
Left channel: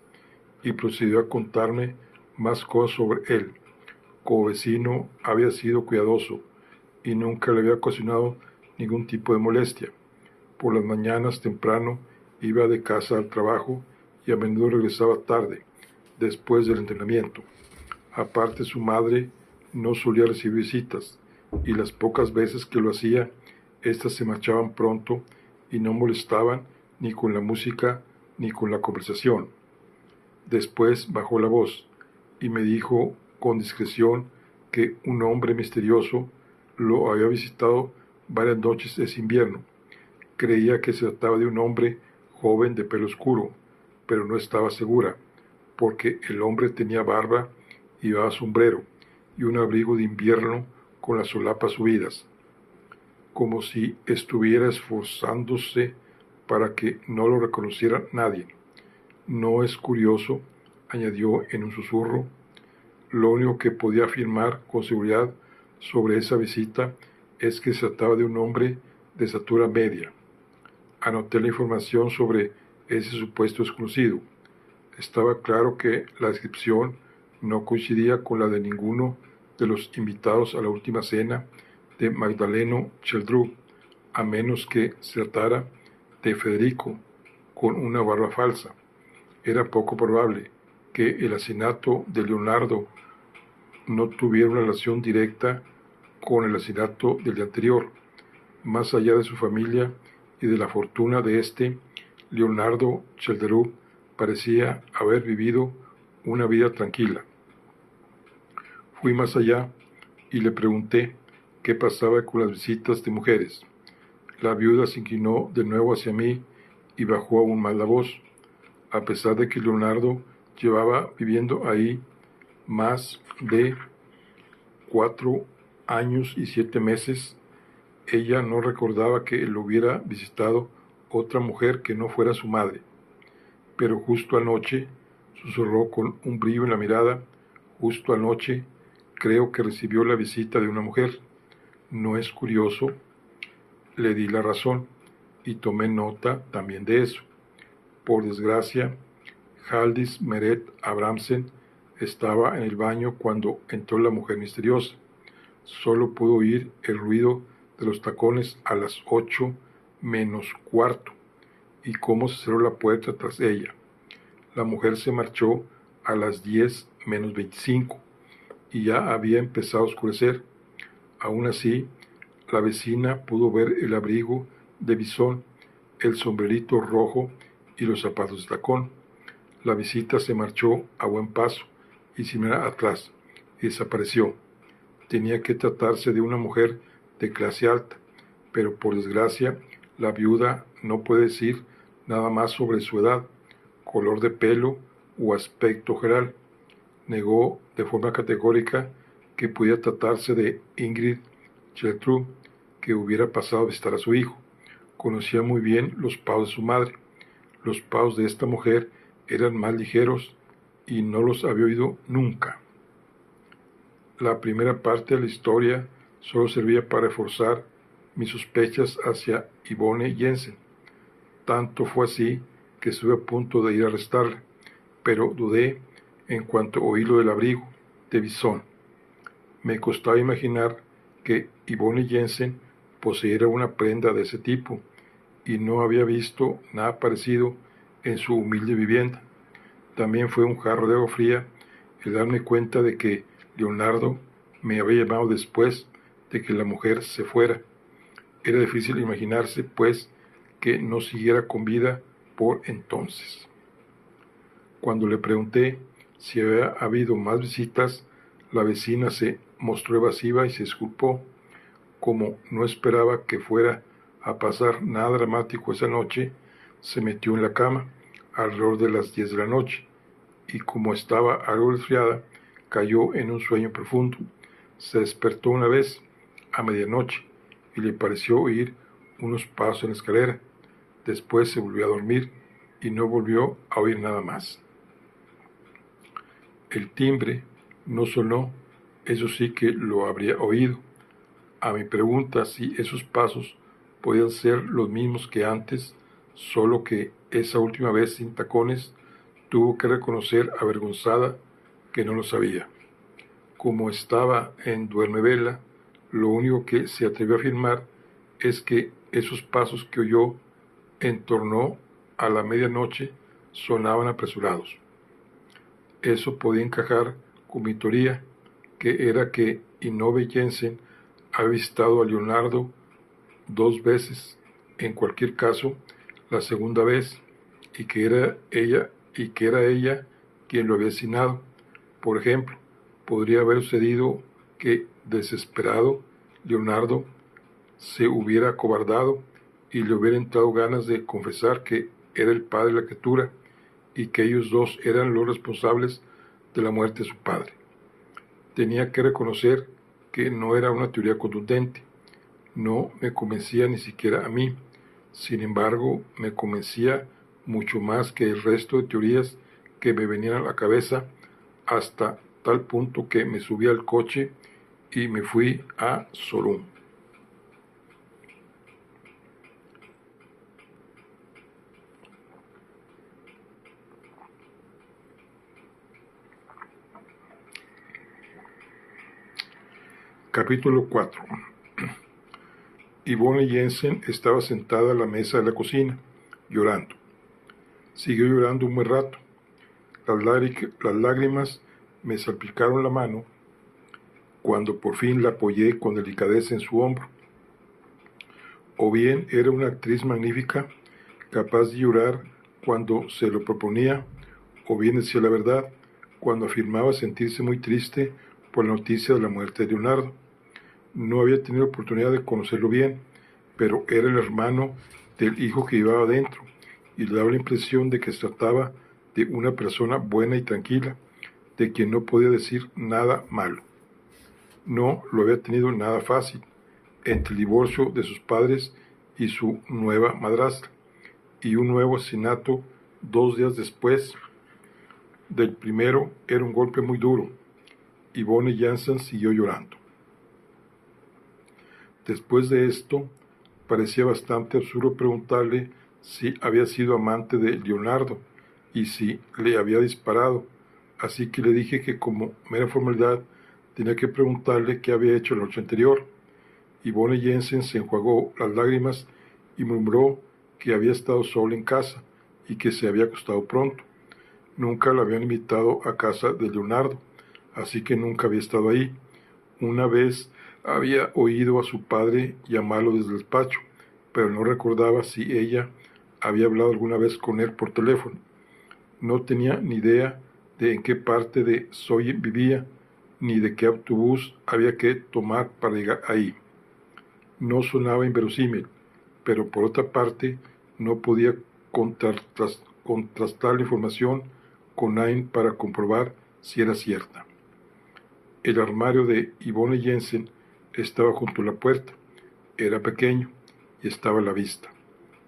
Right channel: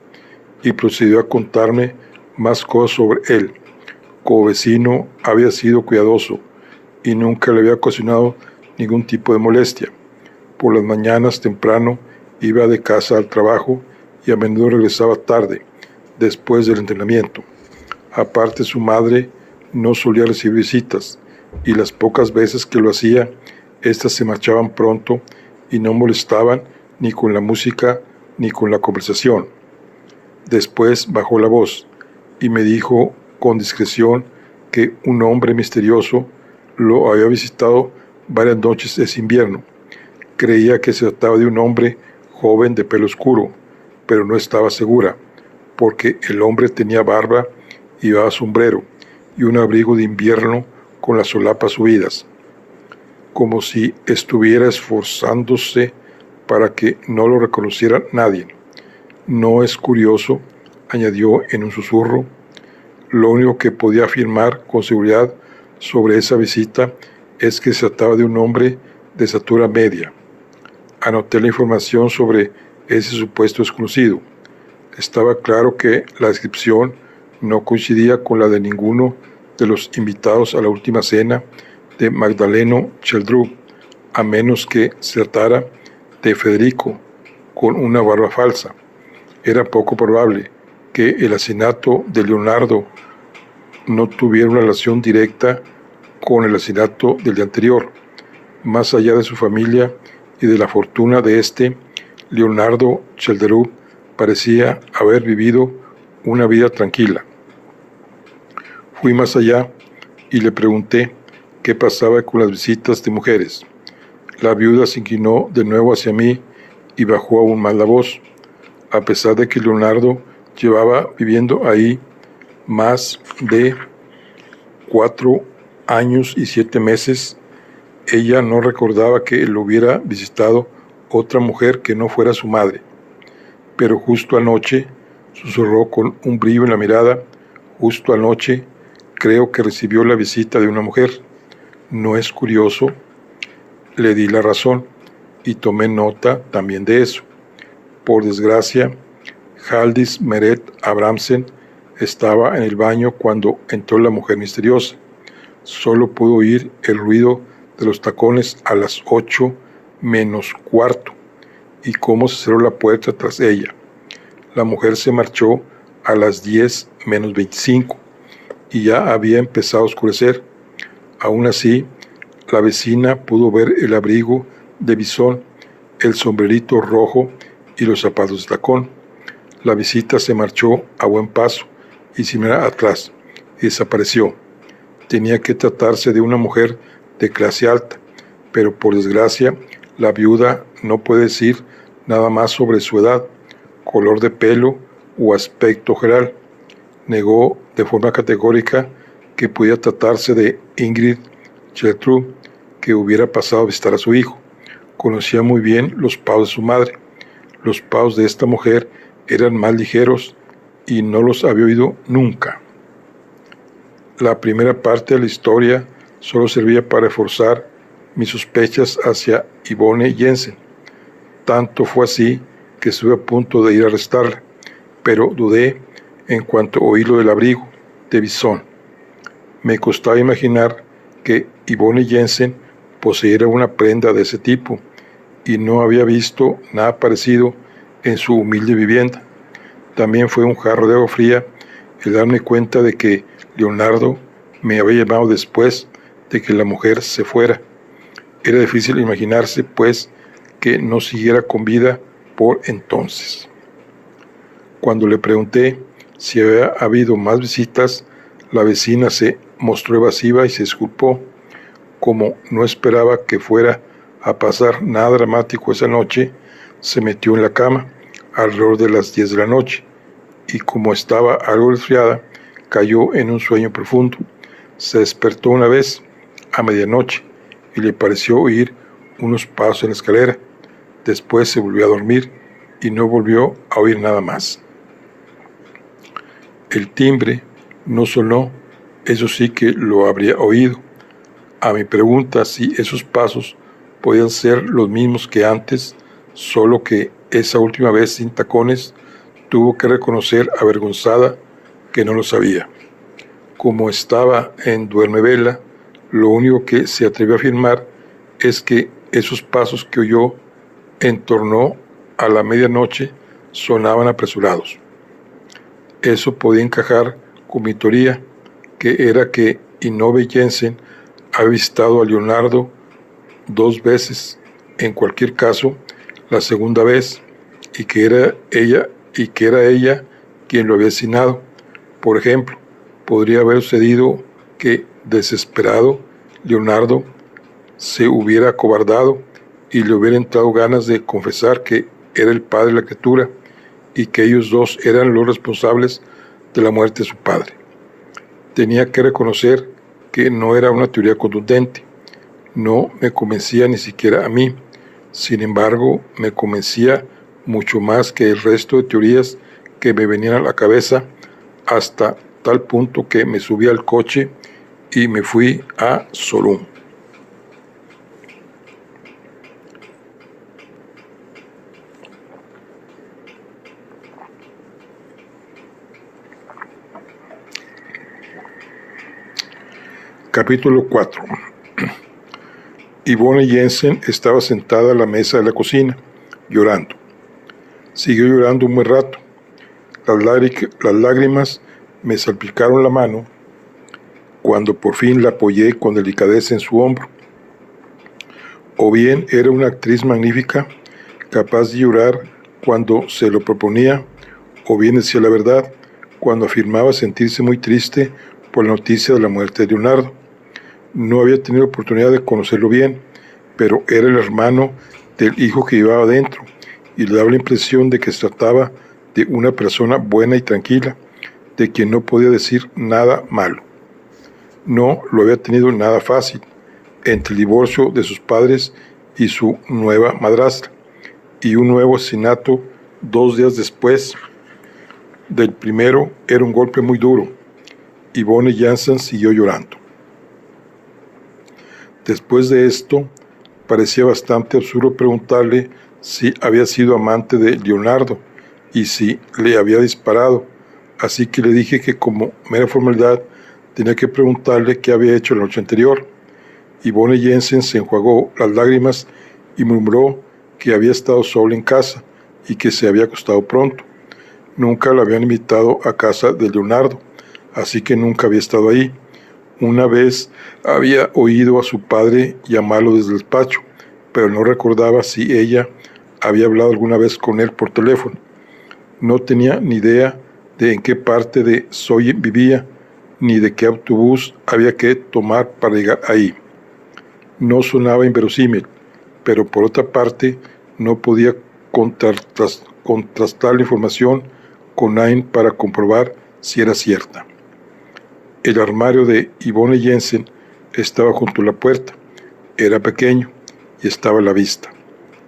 y procedió a contarme más cosas sobre él. Como vecino había sido cuidadoso y nunca le había ocasionado ningún tipo de molestia. Por las mañanas temprano iba de casa al trabajo y a menudo regresaba tarde, después del entrenamiento. Aparte, su madre no solía recibir visitas y las pocas veces que lo hacía, éstas se marchaban pronto y no molestaban ni con la música ni con la conversación. Después bajó la voz y me dijo con discreción que un hombre misterioso lo había visitado varias noches ese invierno. Creía que se trataba de un hombre joven de pelo oscuro, pero no estaba segura, porque el hombre tenía barba y llevaba sombrero y un abrigo de invierno con las solapas subidas, como si estuviera esforzándose para que no lo reconociera nadie. ¿No es curioso?, añadió en un susurro. Lo único que podía afirmar con seguridad sobre esa visita es que se trataba de un hombre de estatura media. Anoté la información sobre ese supuesto desconocido. Estaba claro que la descripción no coincidía con la de ninguno de los invitados a la última cena de Magdaleno Cheldrú, a menos que se tratara de Federico, con una barba falsa. Era poco probable que el asesinato de Leonardo no tuviera una relación directa con el asesinato del día anterior. Más allá de su familia y de la fortuna de este, Leonardo Chelderú parecía haber vivido una vida tranquila. Fui más allá y le pregunté qué pasaba con las visitas de mujeres. La viuda se inclinó de nuevo hacia mí y bajó aún más la voz. A pesar de que Leonardo llevaba viviendo ahí más de 4 años y 7 meses, ella no recordaba que lo hubiera visitado otra mujer que no fuera su madre. Pero justo anoche, susurró con un brillo en la mirada, justo anoche, creo que recibió la visita de una mujer. ¿No es curioso? Le di la razón y tomé nota también de eso. Por desgracia, Haldis Meret Abramsen estaba en el baño cuando entró la mujer misteriosa. Solo pudo oír el ruido de los tacones a las 8 menos cuarto y cómo se cerró la puerta tras ella. La mujer se marchó a las 10 menos 25 y ya había empezado a oscurecer. Aún así, la vecina pudo ver el abrigo de bisón, el sombrerito rojo y los zapatos de tacón. La visita se marchó a buen paso y sin mirar atrás y desapareció. Tenía que tratarse de una mujer de clase alta, pero por desgracia la viuda no puede decir nada más sobre su edad, color de pelo o aspecto general. Negó de forma categórica que podía tratarse de Ingrid Gertrude, que hubiera pasado a visitar a su hijo. Conocía muy bien los pasos de su madre. Los pasos de esta mujer eran más ligeros y no los había oído nunca. La primera parte de la historia solo servía para reforzar mis sospechas hacia Yvonne Jensen. Tanto fue así que estuve a punto de ir a arrestarla, pero dudé en cuanto oí lo del abrigo de bisón. Me costaba imaginar que Yvonne Jensen poseyera una prenda de ese tipo, y no había visto nada parecido en su humilde vivienda. También fue un jarro de agua fría el darme cuenta de que Leonardo me había llamado después de que la mujer se fuera. Era difícil imaginarse, pues, que no siguiera con vida por entonces. Cuando le pregunté si había habido más visitas, la vecina se mostró evasiva y se disculpó. Como no esperaba que fuera a pasar nada dramático esa noche, se metió en la cama alrededor de las 10 de la noche, y como estaba algo resfriada, cayó en un sueño profundo. Se despertó una vez a medianoche y le pareció oír unos pasos en la escalera. Después se volvió a dormir y no volvió a oír nada más. El timbre no sonó, eso sí que lo habría oído. A mi pregunta si esos pasos podían ser los mismos que antes, solo que esa última vez sin tacones, tuvo que reconocer avergonzada que no lo sabía. Como estaba en duermevela, lo único que se atrevió a afirmar es que esos pasos que oyó en torno a la medianoche sonaban apresurados. Eso podía encajar con mi teoría, que era que Yvonne Jensen había visitado a Leonardo 2 veces, en cualquier caso, la segunda vez, y que era ella quien lo había asesinado. Por ejemplo, podría haber sucedido que, desesperado, Leonardo se hubiera acobardado y le hubiera entrado ganas de confesar que era el padre de la criatura y que ellos dos eran los responsables de la muerte de su padre. Tenía que reconocer que no era una teoría contundente. No me convencía ni siquiera a mí. Sin embargo, me convencía mucho más que el resto de teorías que me venían a la cabeza, hasta tal punto que me subí al coche y me fui a Solún. Capítulo 4. Yvonne Jensen estaba sentada a la mesa de la cocina, llorando. Siguió llorando un buen rato. Las lágrimas me salpicaron la mano cuando por fin la apoyé con delicadeza en su hombro. O bien era una actriz magnífica, capaz de llorar cuando se lo proponía, o bien decía la verdad cuando afirmaba sentirse muy triste por la noticia de la muerte de Leonardo. No había tenido oportunidad de conocerlo bien, pero era el hermano del hijo que llevaba dentro, y le daba la impresión de que se trataba de una persona buena y tranquila, de quien no podía decir nada malo. No lo había tenido nada fácil, entre el divorcio de sus padres y su nueva madrastra, y un nuevo asesinato 2 días después del primero. Era un golpe muy duro. Yvonne Jensen siguió llorando. Después de esto, parecía bastante absurdo preguntarle si había sido amante de Leonardo y si le había disparado, así que le dije que como mera formalidad tenía que preguntarle qué había hecho la noche anterior. Yvonne Jensen se enjuagó las lágrimas y murmuró que había estado sola en casa y que se había acostado pronto. Nunca la habían invitado a casa de Leonardo, así que nunca había estado ahí. Una vez había oído a su padre llamarlo desde el despacho, pero no recordaba si ella había hablado alguna vez con él por teléfono. No tenía ni idea de en qué parte de Soyen vivía, ni de qué autobús había que tomar para llegar ahí. No sonaba inverosímil, pero por otra parte no podía contrastar la información con nadie para comprobar si era cierta. El armario de Yvonne Jensen estaba junto a la puerta. Era pequeño y estaba a la vista.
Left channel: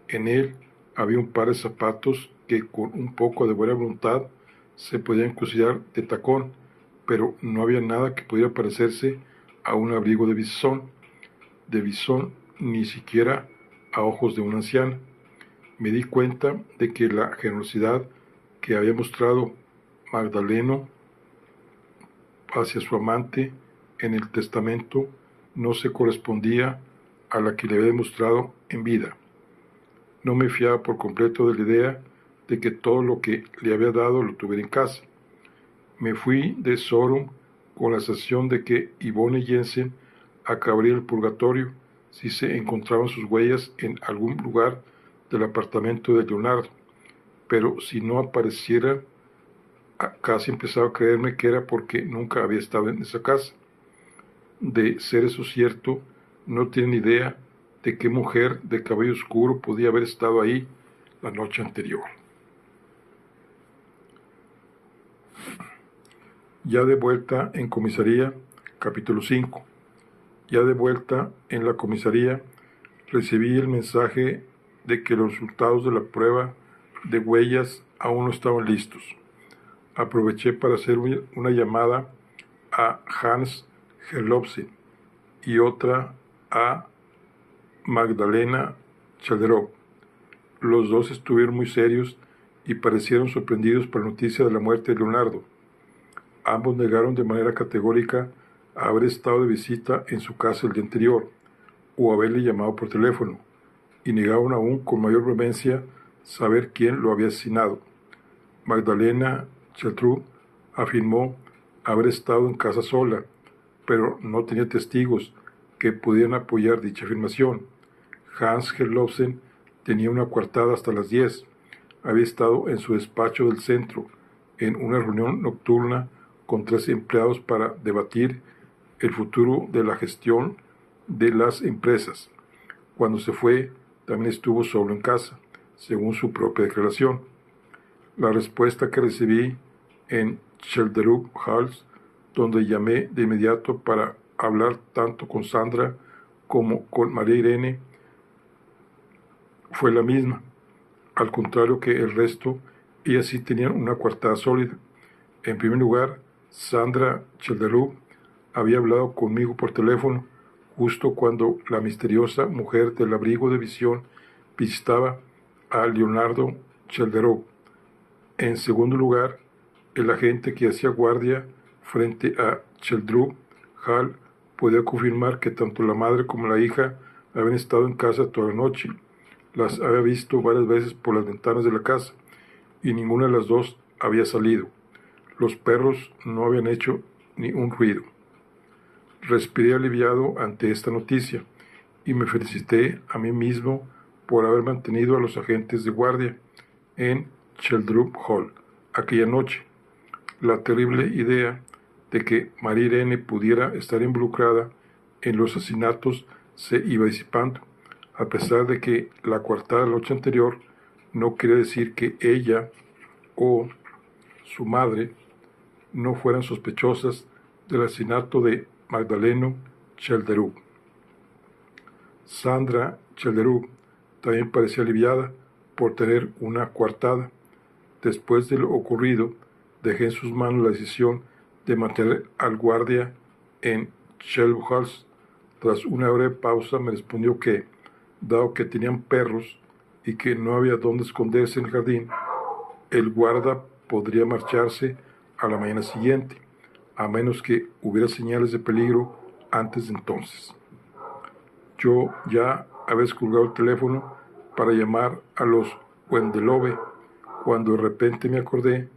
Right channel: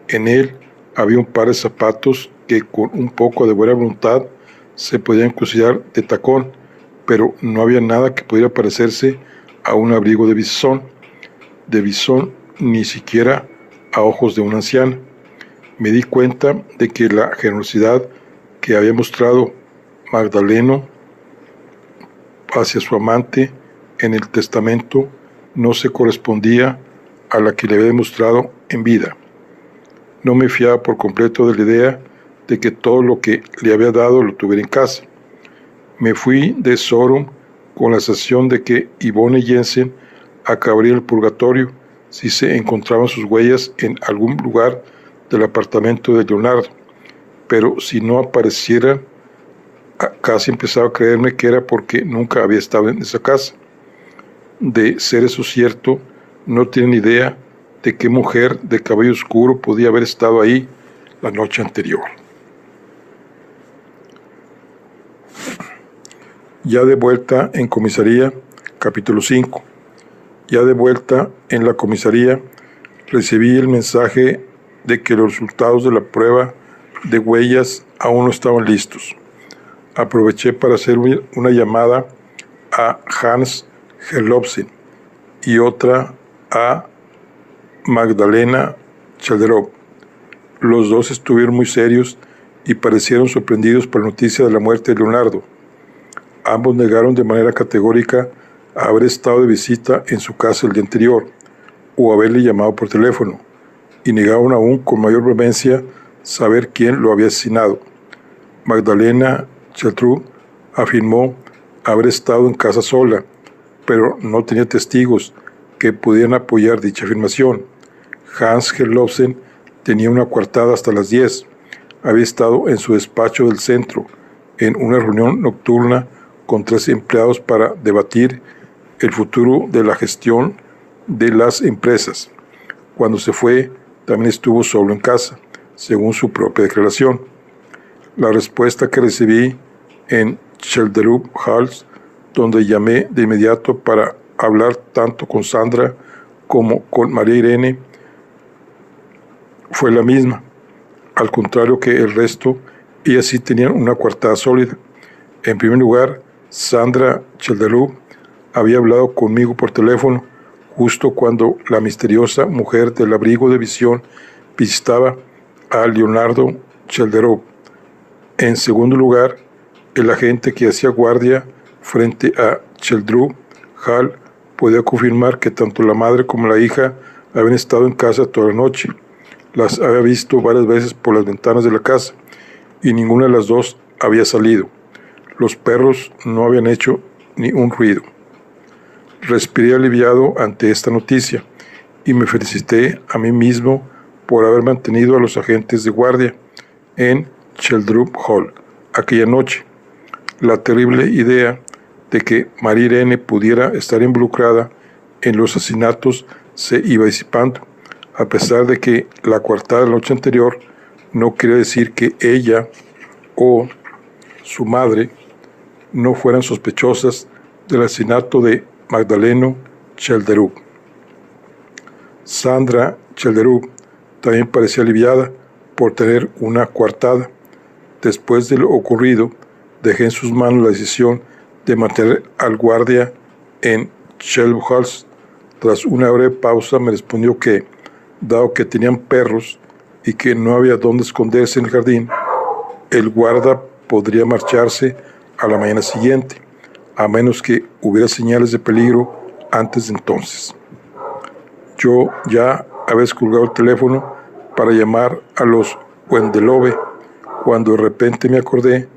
En él había un par de zapatos que con un poco de buena voluntad se podían considerar de tacón, pero no había nada que pudiera parecerse a un abrigo de bisón, ni siquiera a ojos de una anciana. Me di cuenta de que la generosidad que había mostrado Magdaleno hacia su amante en el testamento no se correspondía a la que le había demostrado en vida. No me fiaba por completo de la idea de que todo lo que le había dado lo tuviera en casa. Me fui de Sodom con la sensación de que Yvonne Jensen acabaría el purgatorio si se encontraban sus huellas en algún lugar del apartamento de Leonardo, pero si no apareciera, casi empezaba a creerme que era porque nunca había estado en esa casa. De ser eso cierto, no tienen idea de qué mujer de cabello oscuro podía haber estado ahí la noche anterior. Ya de vuelta en comisaría, capítulo 5. Ya de vuelta en la comisaría, recibí el mensaje de que los resultados de la prueba de huellas aún no estaban listos. Aproveché para hacer una llamada a Hans Herlofsen y otra a Magdalena Chalderov. Los dos estuvieron muy serios y parecieron sorprendidos por la noticia de la muerte de Leonardo. Ambos negaron de manera categórica haber estado de visita en su casa el día anterior o haberle llamado por teléfono, y negaron aún con mayor vehemencia saber quién lo había asesinado. Magdalena Chalderov afirmó haber estado en casa sola, pero no tenía testigos que pudieran apoyar dicha afirmación. Hans Herlofsen tenía una coartada hasta las 10. Había estado en su despacho del centro, en una reunión nocturna con 3 empleados para debatir el futuro de la gestión de las empresas. Cuando se fue, también estuvo solo en casa, según su propia declaración. La respuesta que recibí en Chalderov Halls, donde llamé de inmediato para hablar tanto con Sandra como con María Irene, fue la misma. Al contrario que el resto, ellas sí tenían una coartada sólida. En primer lugar, Sandra Chalderov había hablado conmigo por teléfono justo cuando la misteriosa mujer del abrigo de visión visitaba a Leonardo Chalderov. En segundo lugar, el agente que hacía guardia frente a Chalderov Hall podía confirmar que tanto la madre como la hija habían estado en casa toda la noche. Las había visto varias veces por las ventanas de la casa y ninguna de las dos había salido. Los perros no habían hecho ni un ruido. Respiré aliviado ante esta noticia y me felicité a mí mismo por haber mantenido a los agentes de guardia en Chalderov Hall aquella noche. La terrible idea de que María Irene pudiera estar involucrada en los asesinatos se iba disipando, a pesar de que la coartada de la noche anterior no quería decir que ella o su madre no fueran sospechosas del asesinato de Magdaleno Chalderov. Sandra Chalderov también parecía aliviada por tener una coartada. Después de lo ocurrido, dejé en sus manos la decisión de mantener al guardia en Chalderov Halls. Tras una breve pausa me respondió que, dado que tenían perros y que no había dónde esconderse en el jardín, el guarda podría marcharse a la mañana siguiente, a menos que hubiera señales de peligro antes de entonces. Yo ya había descolgado el teléfono para llamar a los Wendelove cuando de repente me acordé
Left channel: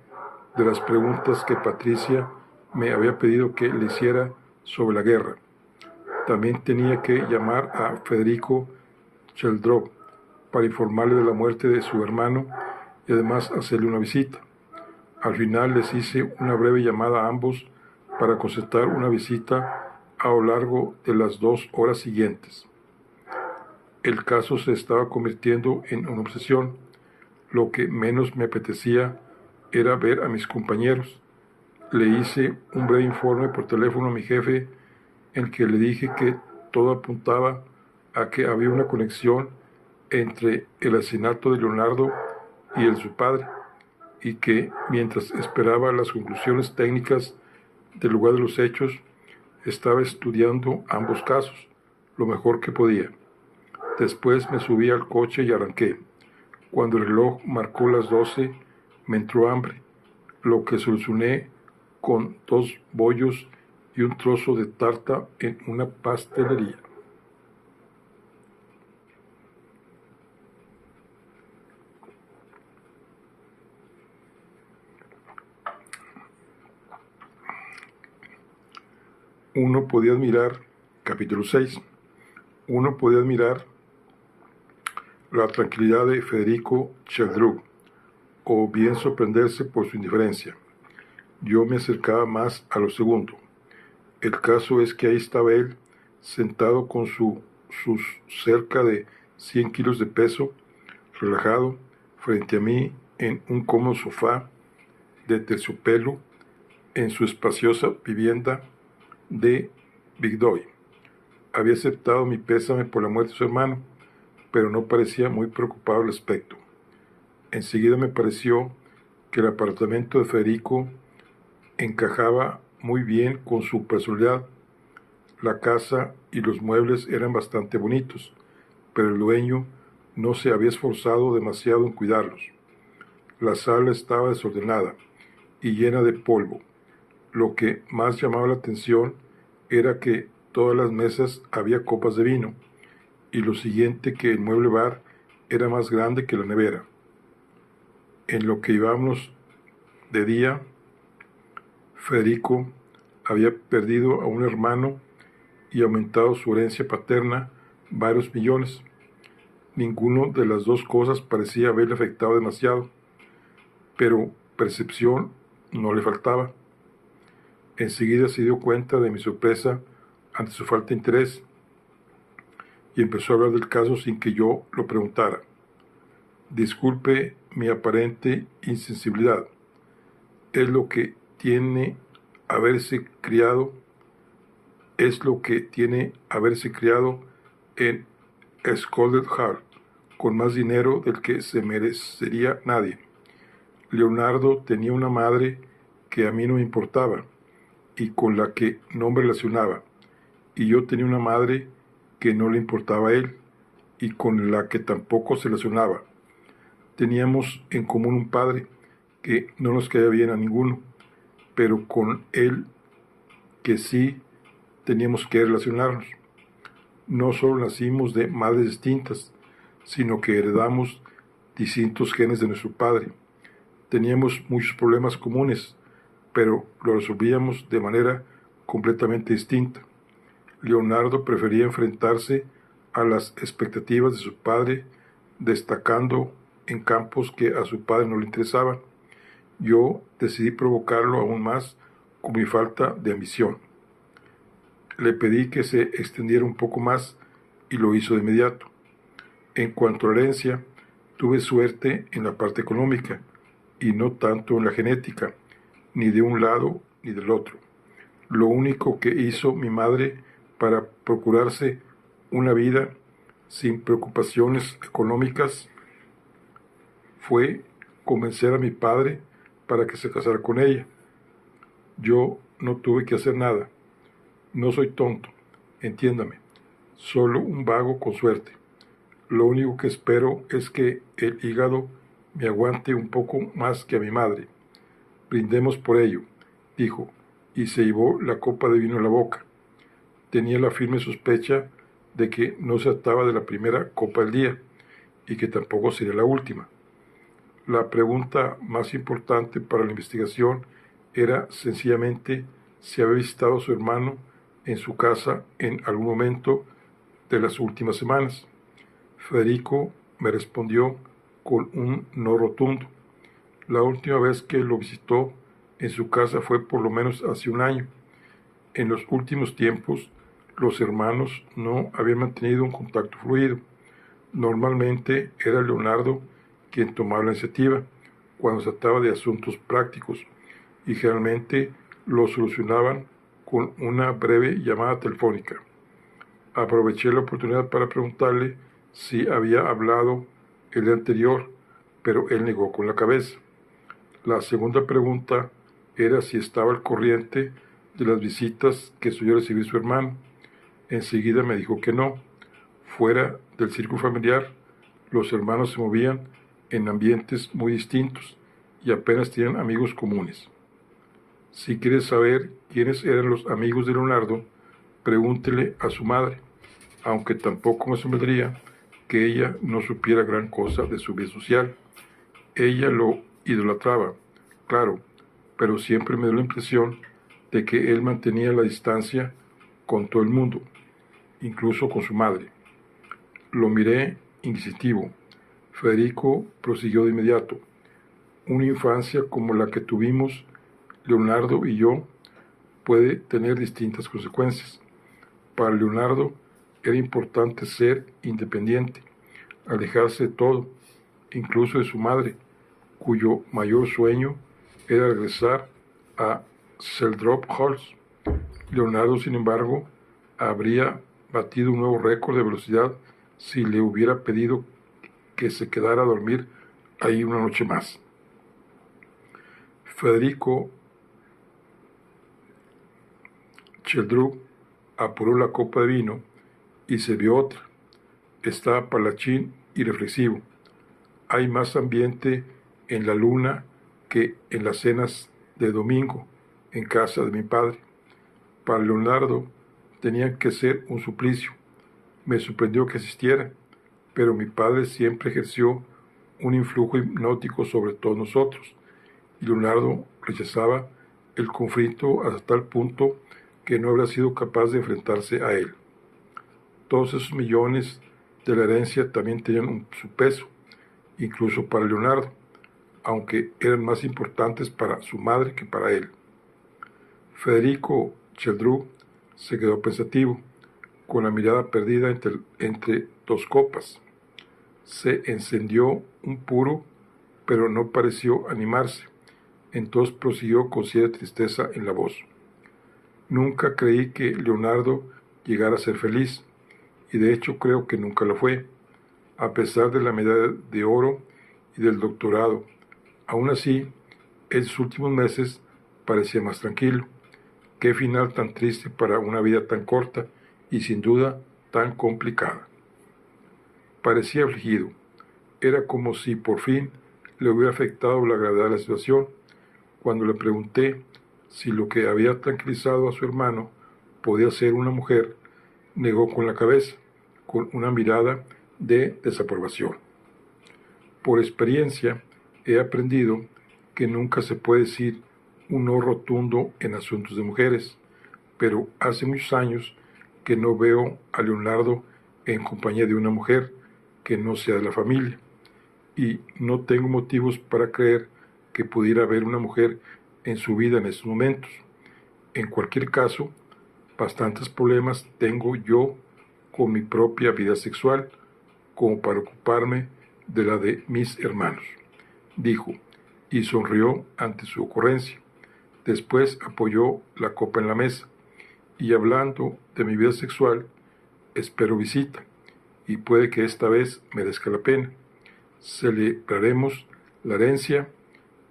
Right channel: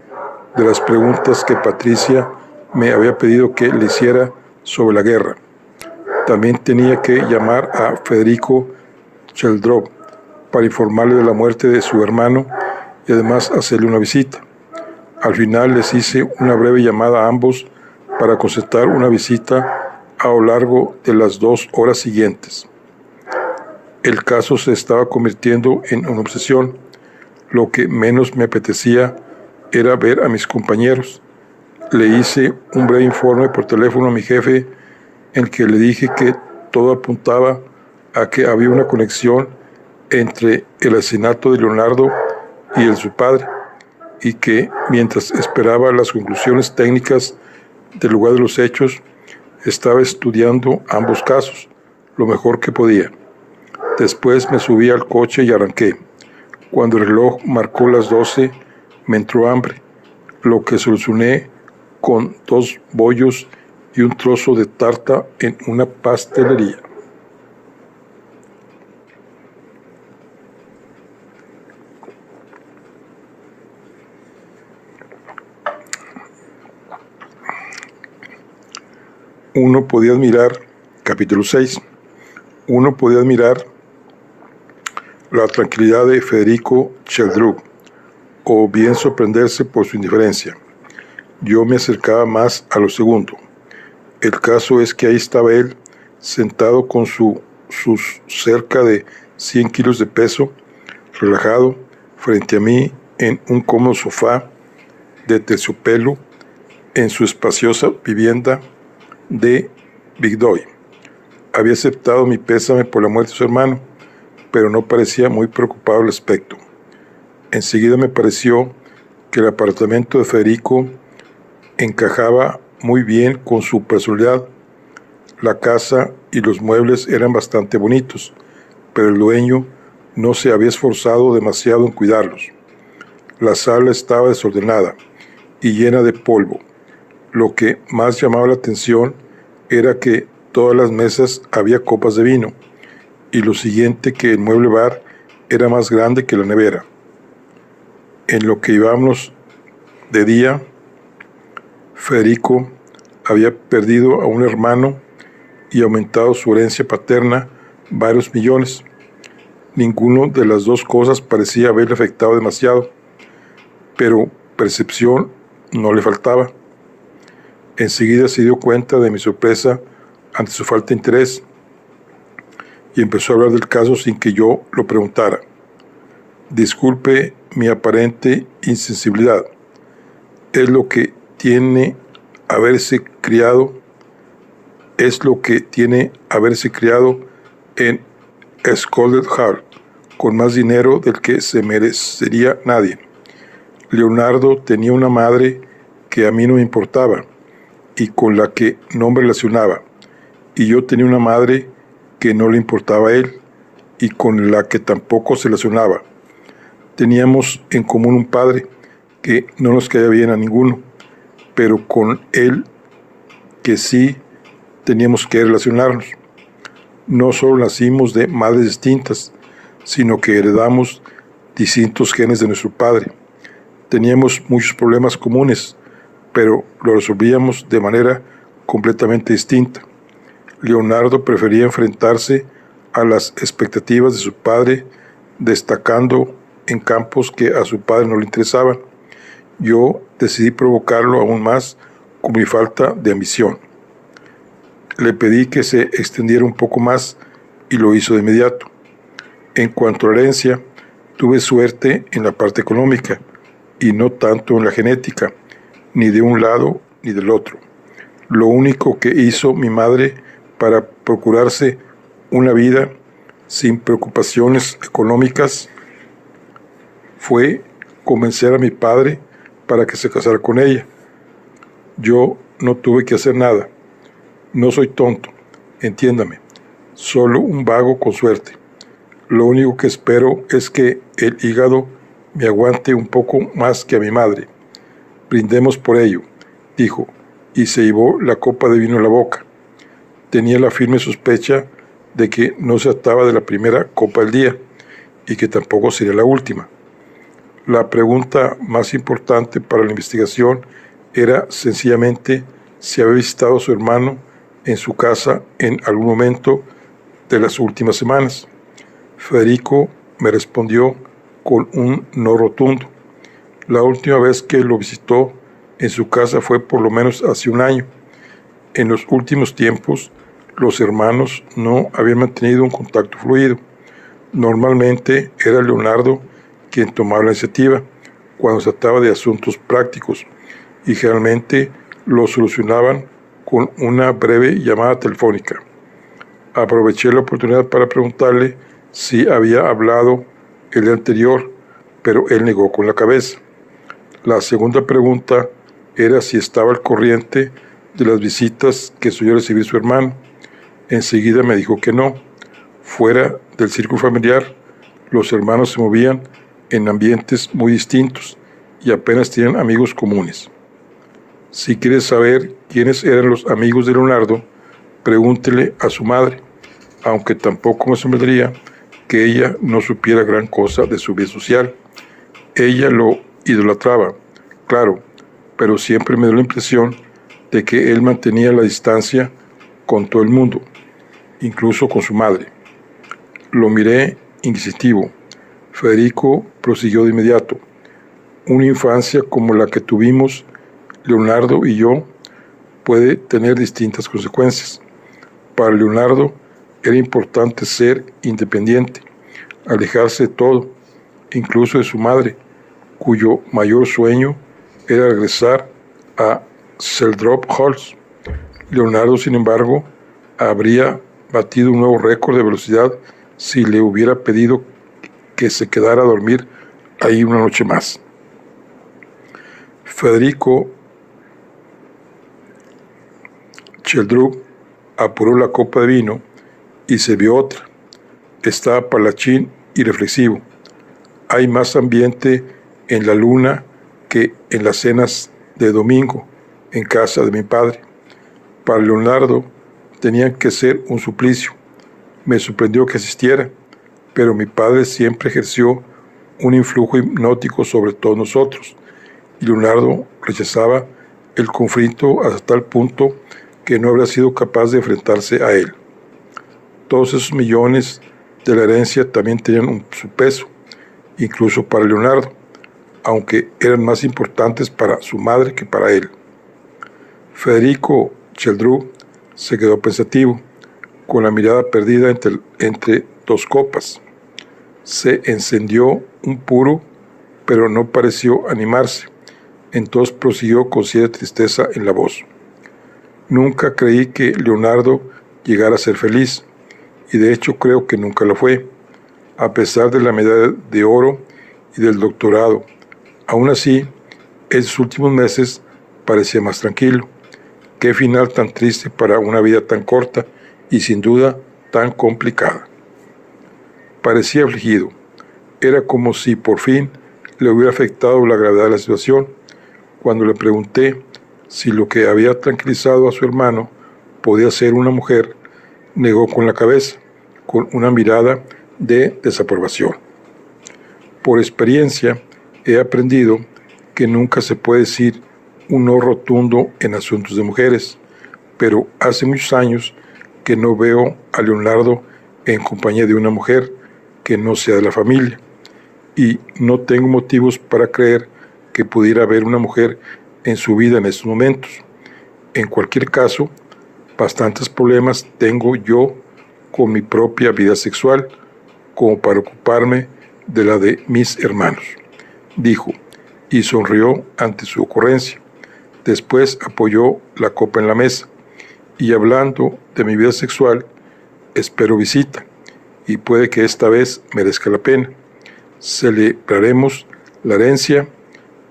de las preguntas que Patricia me había pedido que le hiciera sobre la guerra. También tenía que llamar a Federico Chalderov para informarle de la muerte de su hermano y además hacerle una visita. Al final les hice una breve llamada a ambos para concertar una visita a lo largo de las 2 horas siguientes. El caso se estaba convirtiendo en una obsesión. Lo que menos me apetecía era ver a mis compañeros. Le hice un breve informe por teléfono a mi jefe en que le dije que todo apuntaba a que había una conexión entre el asesinato de Leonardo y el de su padre, y que mientras esperaba las conclusiones técnicas del lugar de los hechos, estaba estudiando ambos casos lo mejor que podía. Después me subí al coche y arranqué. Cuando el reloj marcó las 12, me entró hambre, lo que solucioné con 2 bollos y un trozo de tarta en una pastelería. Uno podía admirar, capítulo 6, uno podía admirar la tranquilidad de Federico Sheldrup, o bien sorprenderse por su indiferencia. Yo me acercaba más a lo segundo. El caso es que ahí estaba él, sentado con sus cerca de 100 kilos de peso, relajado, frente a mí en un cómodo sofá de terciopelo en su espaciosa vivienda de Bigdoy. Había aceptado mi pésame por la muerte de su hermano, pero no parecía muy preocupado al respecto. Enseguida me pareció que el apartamento de Federico encajaba muy bien con su personalidad. La casa y los muebles eran bastante bonitos, pero el dueño no se había esforzado demasiado en cuidarlos. La sala estaba desordenada y llena de polvo. Lo que más llamaba la atención era que todas las mesas había copas de vino, y lo siguiente, que el mueble bar era más grande que la nevera. En lo que íbamos de día, Federico había perdido a un hermano y aumentado su herencia paterna varios millones. Ninguno de las dos cosas parecía haberle afectado demasiado, pero percepción no le faltaba. Enseguida se dio cuenta de mi sorpresa ante su falta de interés y empezó a hablar del caso sin que yo lo preguntara. Disculpe mi aparente insensibilidad. Es lo que tiene haberse criado en Scotland Yard, con más dinero del que se merecería nadie. Leonardo tenía una madre que a mí no me importaba y con la que no me relacionaba, y yo tenía una madre que no le importaba a él y con la que tampoco se relacionaba. Teníamos en común un padre que no nos caía bien a ninguno, pero con él que sí teníamos que relacionarnos. No solo nacimos de madres distintas, sino que heredamos distintos genes de nuestro padre. Teníamos muchos problemas comunes, pero lo resolvíamos de manera completamente distinta. Leonardo prefería enfrentarse a las expectativas de su padre, destacando en campos que a su padre no le interesaban. Yo decidí provocarlo aún más con mi falta de ambición. Le pedí que se extendiera un poco más y lo hizo de inmediato. En cuanto a la herencia, tuve suerte en la parte económica y no tanto en la genética, ni de un lado ni del otro. Lo único que hizo mi madre para procurarse una vida sin preocupaciones económicas fue convencer a mi padre para que se casara con ella. Yo no tuve que hacer nada. No soy tonto, entiéndame, solo un vago con suerte. Lo único que espero es que el hígado me aguante un poco más que a mi madre. Brindemos por ello, dijo, y se llevó la copa de vino a la boca. Tenía la firme sospecha de que no se trataba de la primera copa del día y que tampoco sería la última. La pregunta más importante para la investigación era sencillamente si había visitado a su hermano en su casa en algún momento de las últimas semanas. Federico me respondió con un no rotundo. La última vez que lo visitó en su casa fue por lo menos hace un año. En los últimos tiempos, los hermanos no habían mantenido un contacto fluido. Normalmente era Leonardo quien tomaba la iniciativa cuando se trataba de asuntos prácticos y generalmente lo solucionaban con una breve llamada telefónica. Aproveché la oportunidad para preguntarle si había hablado el día anterior, pero él negó con la cabeza. La segunda pregunta era si estaba al corriente de las visitas que solía recibir su hermano. Enseguida me dijo que no. Fuera del círculo familiar, los hermanos se movían en ambientes muy distintos y apenas tienen amigos comunes. Si quieres saber quiénes eran los amigos de Leonardo, pregúntele a su madre, aunque tampoco me sorprendería que ella no supiera gran cosa de su vida social. Ella lo idolatraba, claro, pero siempre me dio la impresión de que él mantenía la distancia con todo el mundo, incluso con su madre. Lo miré inquisitivo. Federico prosiguió de inmediato. Una infancia como la que tuvimos Leonardo y yo puede tener distintas consecuencias. Para Leonardo era importante ser independiente, alejarse de todo, incluso de su madre, cuyo mayor sueño era regresar a Seldrop Halls. Leonardo, sin embargo, habría batido un nuevo récord de velocidad si le hubiera pedido que se quedara a dormir ahí una noche más. Federico Sheldrup apuró la copa de vino y se vio otra. Estaba palachín y reflexivo. Hay más ambiente en la luna que en las cenas de domingo en casa de mi padre. Para Leonardo tenían que ser un suplicio. Me sorprendió que asistiera, pero mi padre siempre ejerció un influjo hipnótico sobre todos nosotros, y Leonardo rechazaba el conflicto hasta tal punto que no habría sido capaz de enfrentarse a él. Todos esos millones de la herencia también tenían su peso, incluso para Leonardo, aunque eran más importantes para su madre que para él. Federico Sheldrup se quedó pensativo, con la mirada perdida entre dos copas. Se encendió un puro, pero no pareció animarse. Entonces prosiguió con cierta tristeza en la voz. Nunca creí que Leonardo llegara a ser feliz, y de hecho creo que nunca lo fue, a pesar de la medalla de oro y del doctorado. Aún así, en sus últimos meses parecía más tranquilo. Qué final tan triste para una vida tan corta y sin duda tan complicada. Parecía afligido. Era como si por fin le hubiera afectado la gravedad de la situación. Cuando le pregunté si lo que había tranquilizado a su hermano podía ser una mujer, negó con la cabeza, con una mirada de desaprobación. Por experiencia, he aprendido que nunca se puede decir un no rotundo en asuntos de mujeres, pero hace muchos años que no veo a Leonardo en compañía de una mujer que no sea de la familia, y no tengo motivos para creer que pudiera haber una mujer en su vida en estos momentos. En cualquier caso, bastantes problemas tengo yo con mi propia vida sexual como para ocuparme de la de mis hermanos, dijo, y sonrió ante su ocurrencia. Después apoyó la copa en la mesa, y hablando de mi vida sexual, espero visita, y puede que esta vez merezca la pena. Celebraremos la herencia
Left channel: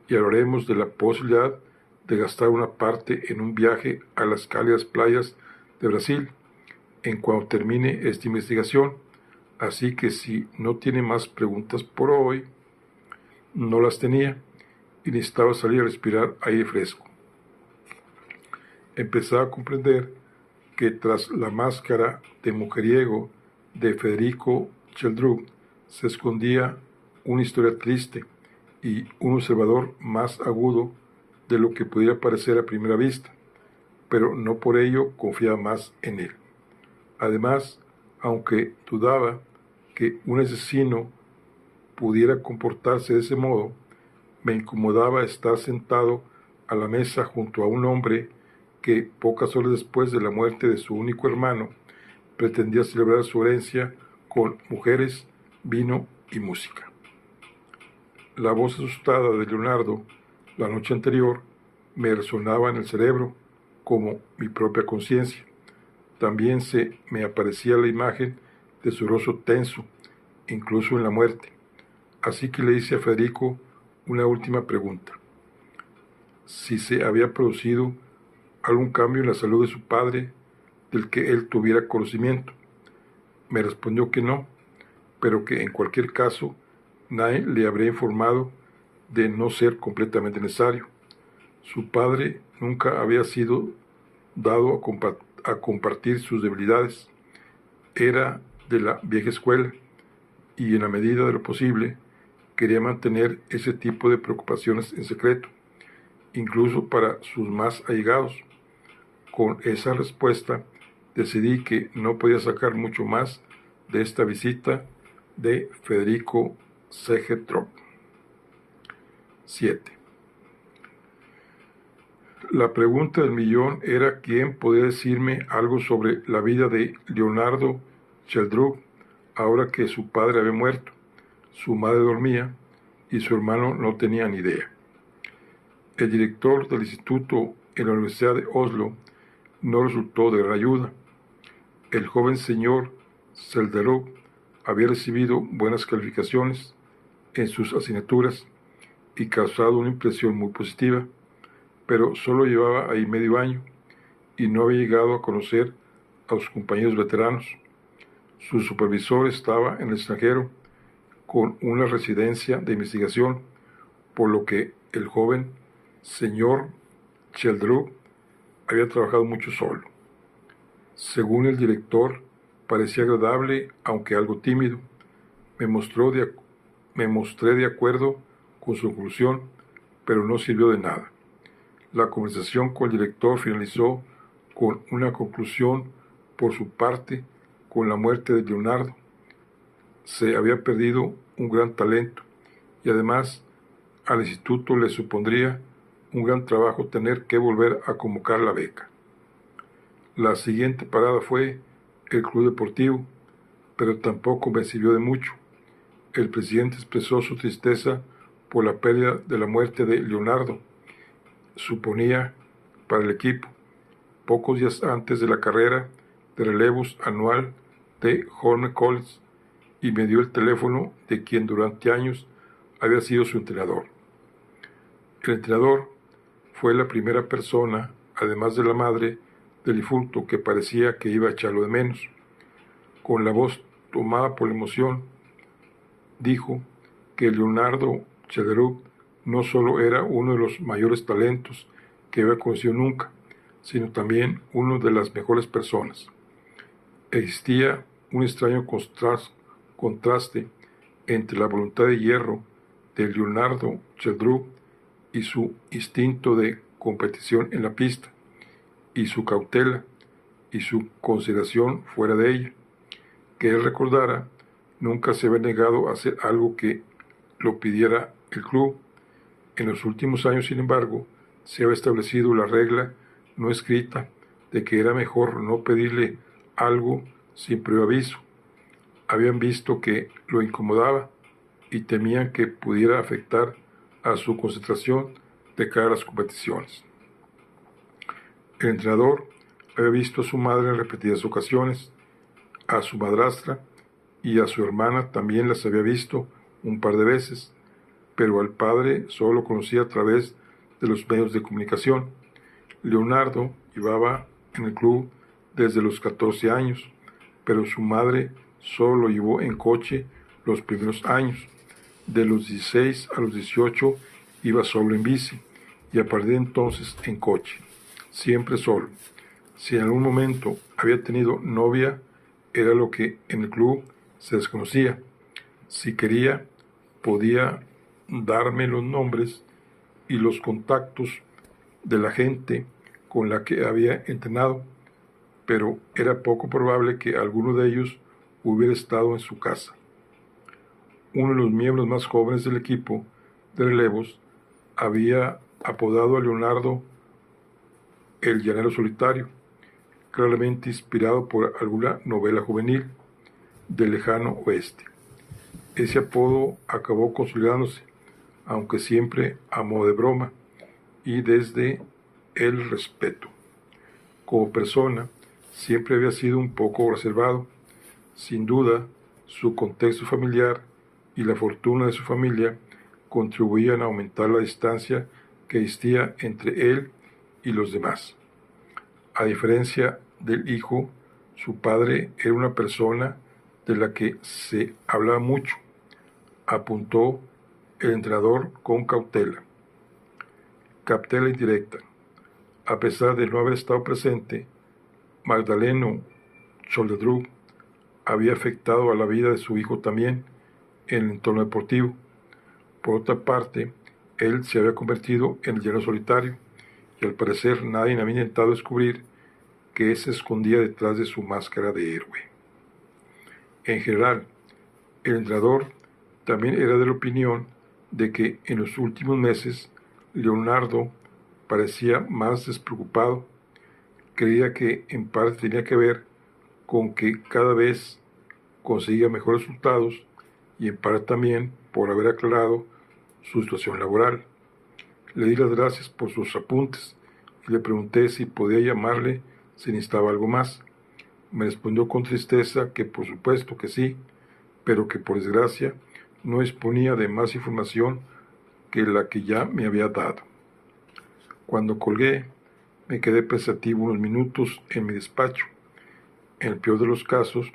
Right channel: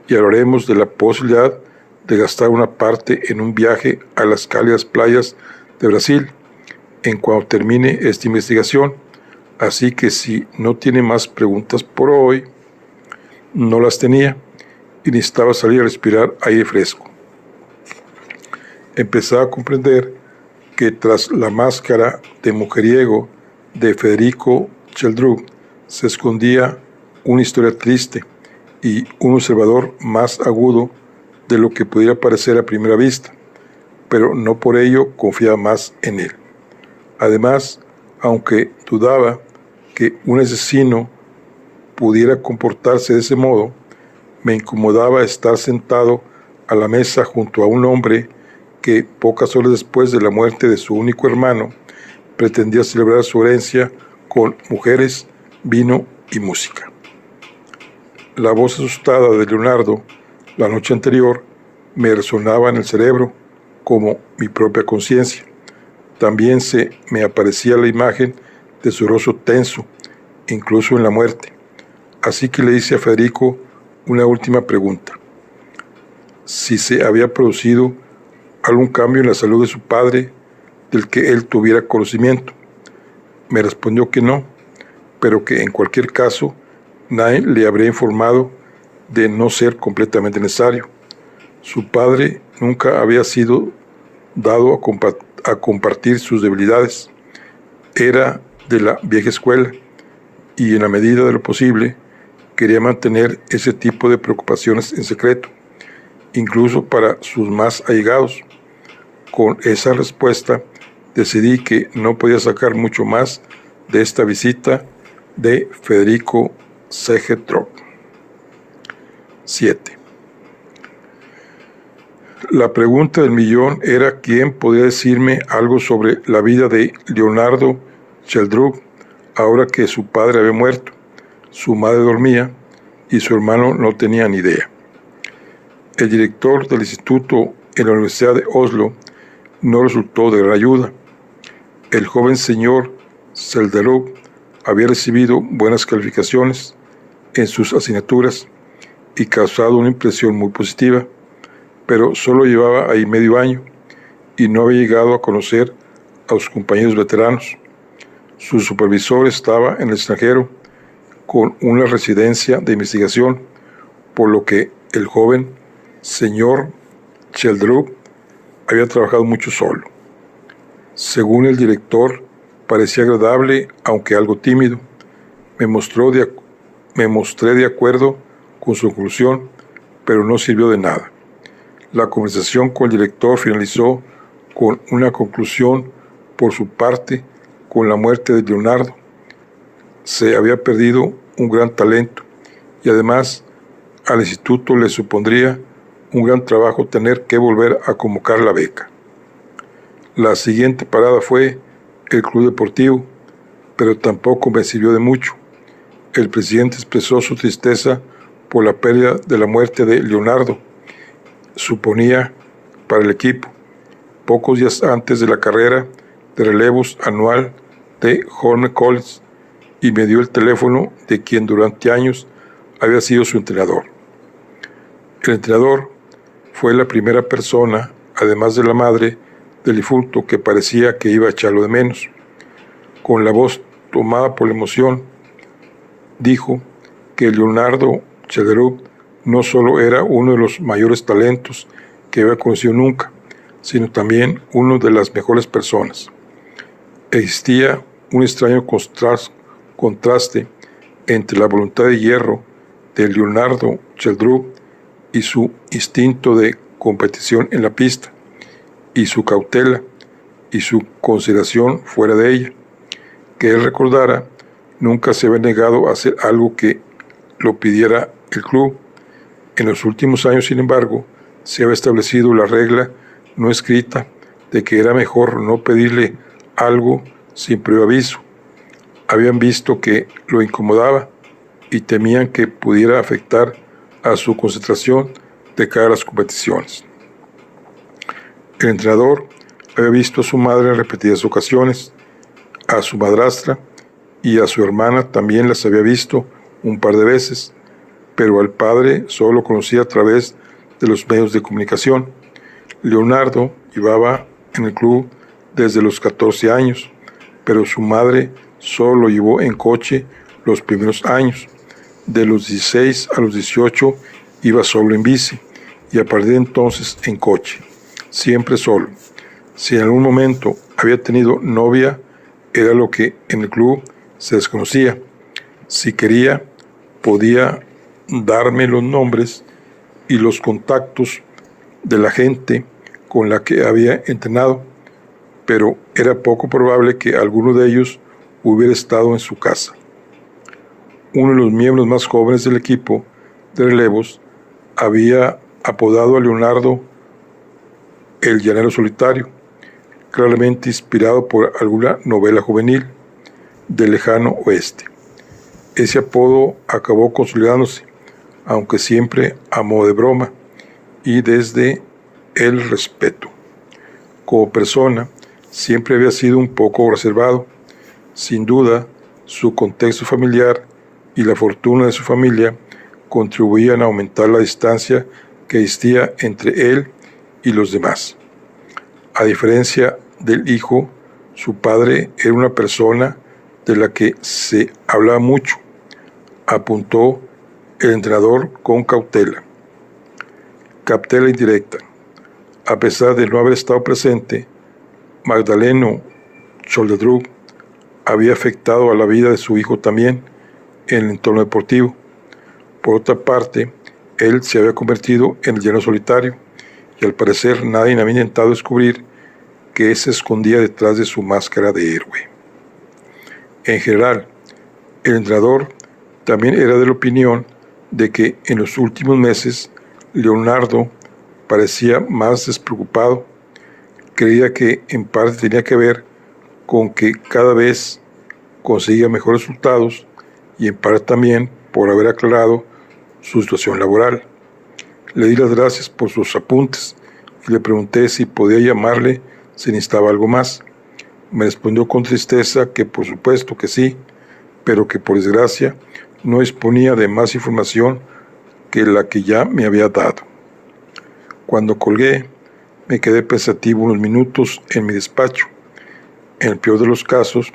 y hablaremos de la posibilidad de gastar una parte en un viaje a las cálidas playas de Brasil en cuanto termine esta investigación. Así que si no tiene más preguntas por hoy, no las tenía y necesitaba salir a respirar aire fresco. Empezaba a comprender que tras la máscara de mujeriego de Federico Sheldrup se escondía una historia triste y un observador más agudo de lo que pudiera parecer a primera vista, pero no por ello confiaba más en él. Además, aunque dudaba que un asesino pudiera comportarse de ese modo, me incomodaba estar sentado a la mesa junto a un hombre que, pocas horas después de la muerte de su único hermano, pretendía celebrar su herencia con mujeres, vino y música. La voz asustada de Leonardo la noche anterior me resonaba en el cerebro como mi propia conciencia. También se me aparecía la imagen de su rostro tenso, incluso en la muerte. Así que le hice a Federico una última pregunta: si se había producido algún cambio en la salud de su padre del que él tuviera conocimiento. Me respondió que no, pero que en cualquier caso nadie le habría informado de no ser completamente necesario. Su padre nunca había sido dado a compartir sus debilidades. Era de la vieja escuela y en la medida de lo posible quería mantener ese tipo de preocupaciones en secreto, incluso para sus más allegados. Con esa respuesta decidí que no podía sacar mucho más de esta visita de Federico Segetrop. 7. La pregunta del millón era quién podía decirme algo sobre la vida de Leonardo Sheldrup ahora que su padre había muerto, su madre dormía y su hermano no tenía ni idea. El director del instituto en la Universidad de Oslo no resultó de gran ayuda. El joven señor Sheldrup había recibido buenas calificaciones en sus asignaturas y causado una impresión muy positiva, pero solo llevaba ahí medio año y no había llegado a conocer a sus compañeros veteranos. Su supervisor estaba en el extranjero con una residencia de investigación, por lo que el joven señor Sheldrup había trabajado mucho solo. Según el director, parecía agradable, aunque algo tímido. Me mostré de acuerdo con su conclusión, pero no sirvió de nada. La conversación con el director finalizó con una conclusión por su parte con la muerte de Leonardo. Se había perdido un gran talento y además al instituto le supondría un gran trabajo tener que volver a convocar la beca. La siguiente parada fue el club deportivo, pero tampoco me sirvió de mucho. El presidente expresó su tristeza por la pérdida de la muerte de Leonardo, suponía, para el equipo, pocos días antes de la carrera de relevos anual de Horne College, y me dio el teléfono de quien durante años había sido su entrenador. El entrenador fue la primera persona, además de la madre del difunto, que parecía que iba a echarlo de menos. Con la voz tomada por la emoción, dijo que Leonardo Sheldrup no solo era uno de los mayores talentos que había conocido nunca, sino también uno de las mejores personas. Existía un extraño contraste entre la voluntad de hierro de Leonardo Sheldrup y su instinto de competición en la pista, y su cautela y su consideración fuera de ella. Que él recordara, nunca se había negado a hacer algo que lo pidiera el club. En los últimos años, sin embargo, se había establecido la regla no escrita de que era mejor no pedirle algo sin previo aviso. Habían visto que lo incomodaba y temían que pudiera afectar a su concentración de cara a las competiciones. El entrenador había visto a su madre en repetidas ocasiones, a su madrastra y a su hermana también las había visto un par de veces, pero al padre solo lo conocía a través de los medios de comunicación. Leonardo llevaba en el club desde los 14 años, pero su madre solo lo llevó en coche los primeros años. De los 16 a los 18 iba solo en bici y a partir de entonces en coche, siempre solo. Si en algún momento había tenido novia, era lo que en el club se desconocía. Si quería, podía darme los nombres y los contactos de la gente con la que había entrenado, pero era poco probable que alguno de ellos hubiera estado en su casa. Uno de los miembros más jóvenes del equipo de relevos había apodado a Leonardo el llanero solitario, claramente inspirado por alguna novela juvenil del lejano oeste. Ese apodo acabó consolidándose, aunque siempre a modo de broma y desde el respeto. Como persona, siempre había sido un poco reservado. Sin duda, su contexto familiar y la fortuna de su familia contribuían a aumentar la distancia que existía entre él y los demás. A diferencia del hijo, su padre era una persona de la que se hablaba mucho, apuntó el entrenador con cautela. Cautela indirecta. A pesar de no haber estado presente, Magdaleno Choldedruc había afectado a la vida de su hijo también en el entorno deportivo. Por otra parte, él se había convertido en el llano solitario y al parecer nadie había intentado descubrir que se escondía detrás de su máscara de héroe. En general, el entrenador también era de la opinión de que en los últimos meses Leonardo parecía más despreocupado. Creía que en parte tenía que ver con que cada vez conseguía mejores resultados y en parte también por haber aclarado su situación laboral. Le di las gracias por sus apuntes y le pregunté si podía llamarle si necesitaba algo más. Me respondió con tristeza que por supuesto que sí, pero que por desgracia no disponía de más información que la que ya me había dado. Cuando colgué, me quedé pensativo unos minutos en mi despacho. En el peor de los casos,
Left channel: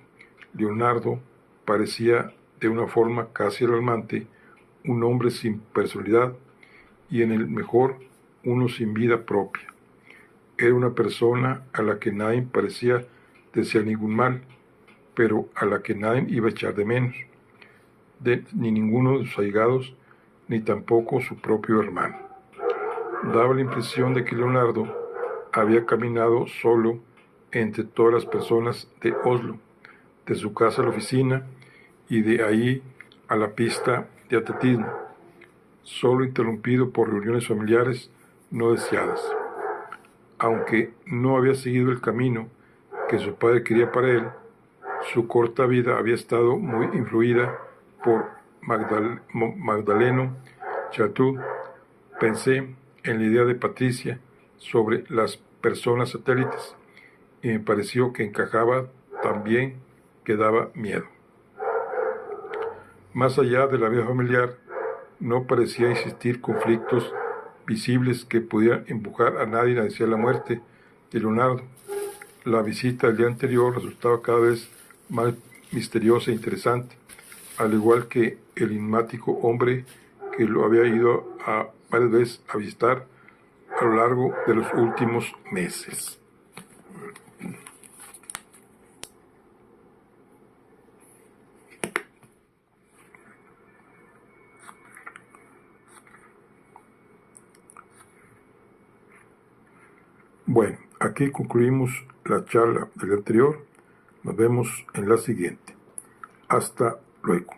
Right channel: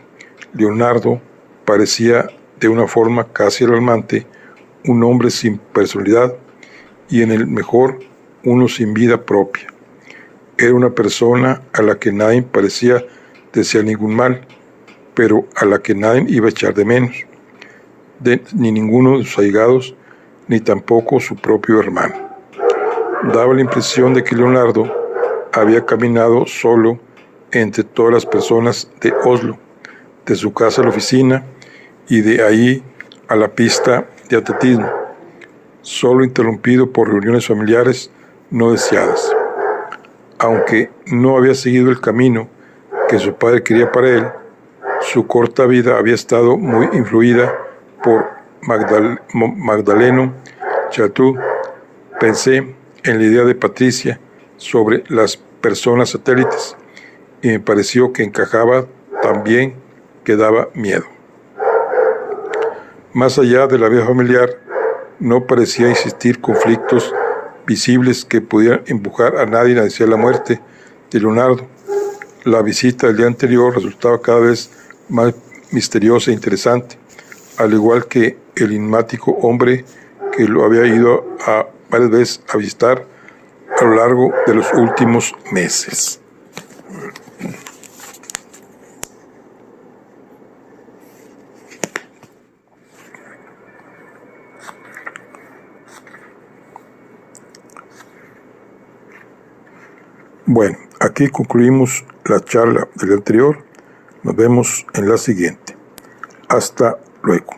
Leonardo parecía de una forma casi alarmante un hombre sin personalidad y en el mejor uno sin vida propia. Era una persona a la que nadie parecía desear ningún mal, pero a la que nadie iba a echar de menos, ni ninguno de sus allegados, ni tampoco su propio hermano. Daba la impresión de que Leonardo había caminado solo entre todas las personas de Oslo, de su casa a la oficina y de ahí a la pista de atletismo, solo interrumpido por reuniones familiares no deseadas. Aunque no había seguido el camino que su padre quería para él, su corta vida había estado muy influida por Magdaleno Choldedruc. Pensé en la idea de Patricia sobre las personas satélites y me pareció que encajaba tan bien que daba miedo. Más allá de la vida familiar, no parecía existir conflictos visibles que pudieran empujar a nadie hacia la muerte de Leonardo. La visita del día anterior resultaba cada vez más misteriosa e interesante, al igual que el enigmático hombre que lo había ido varias veces a visitar a lo largo de los últimos meses. Bueno, aquí concluimos la charla del anterior. Nos vemos en la siguiente. Hasta luego.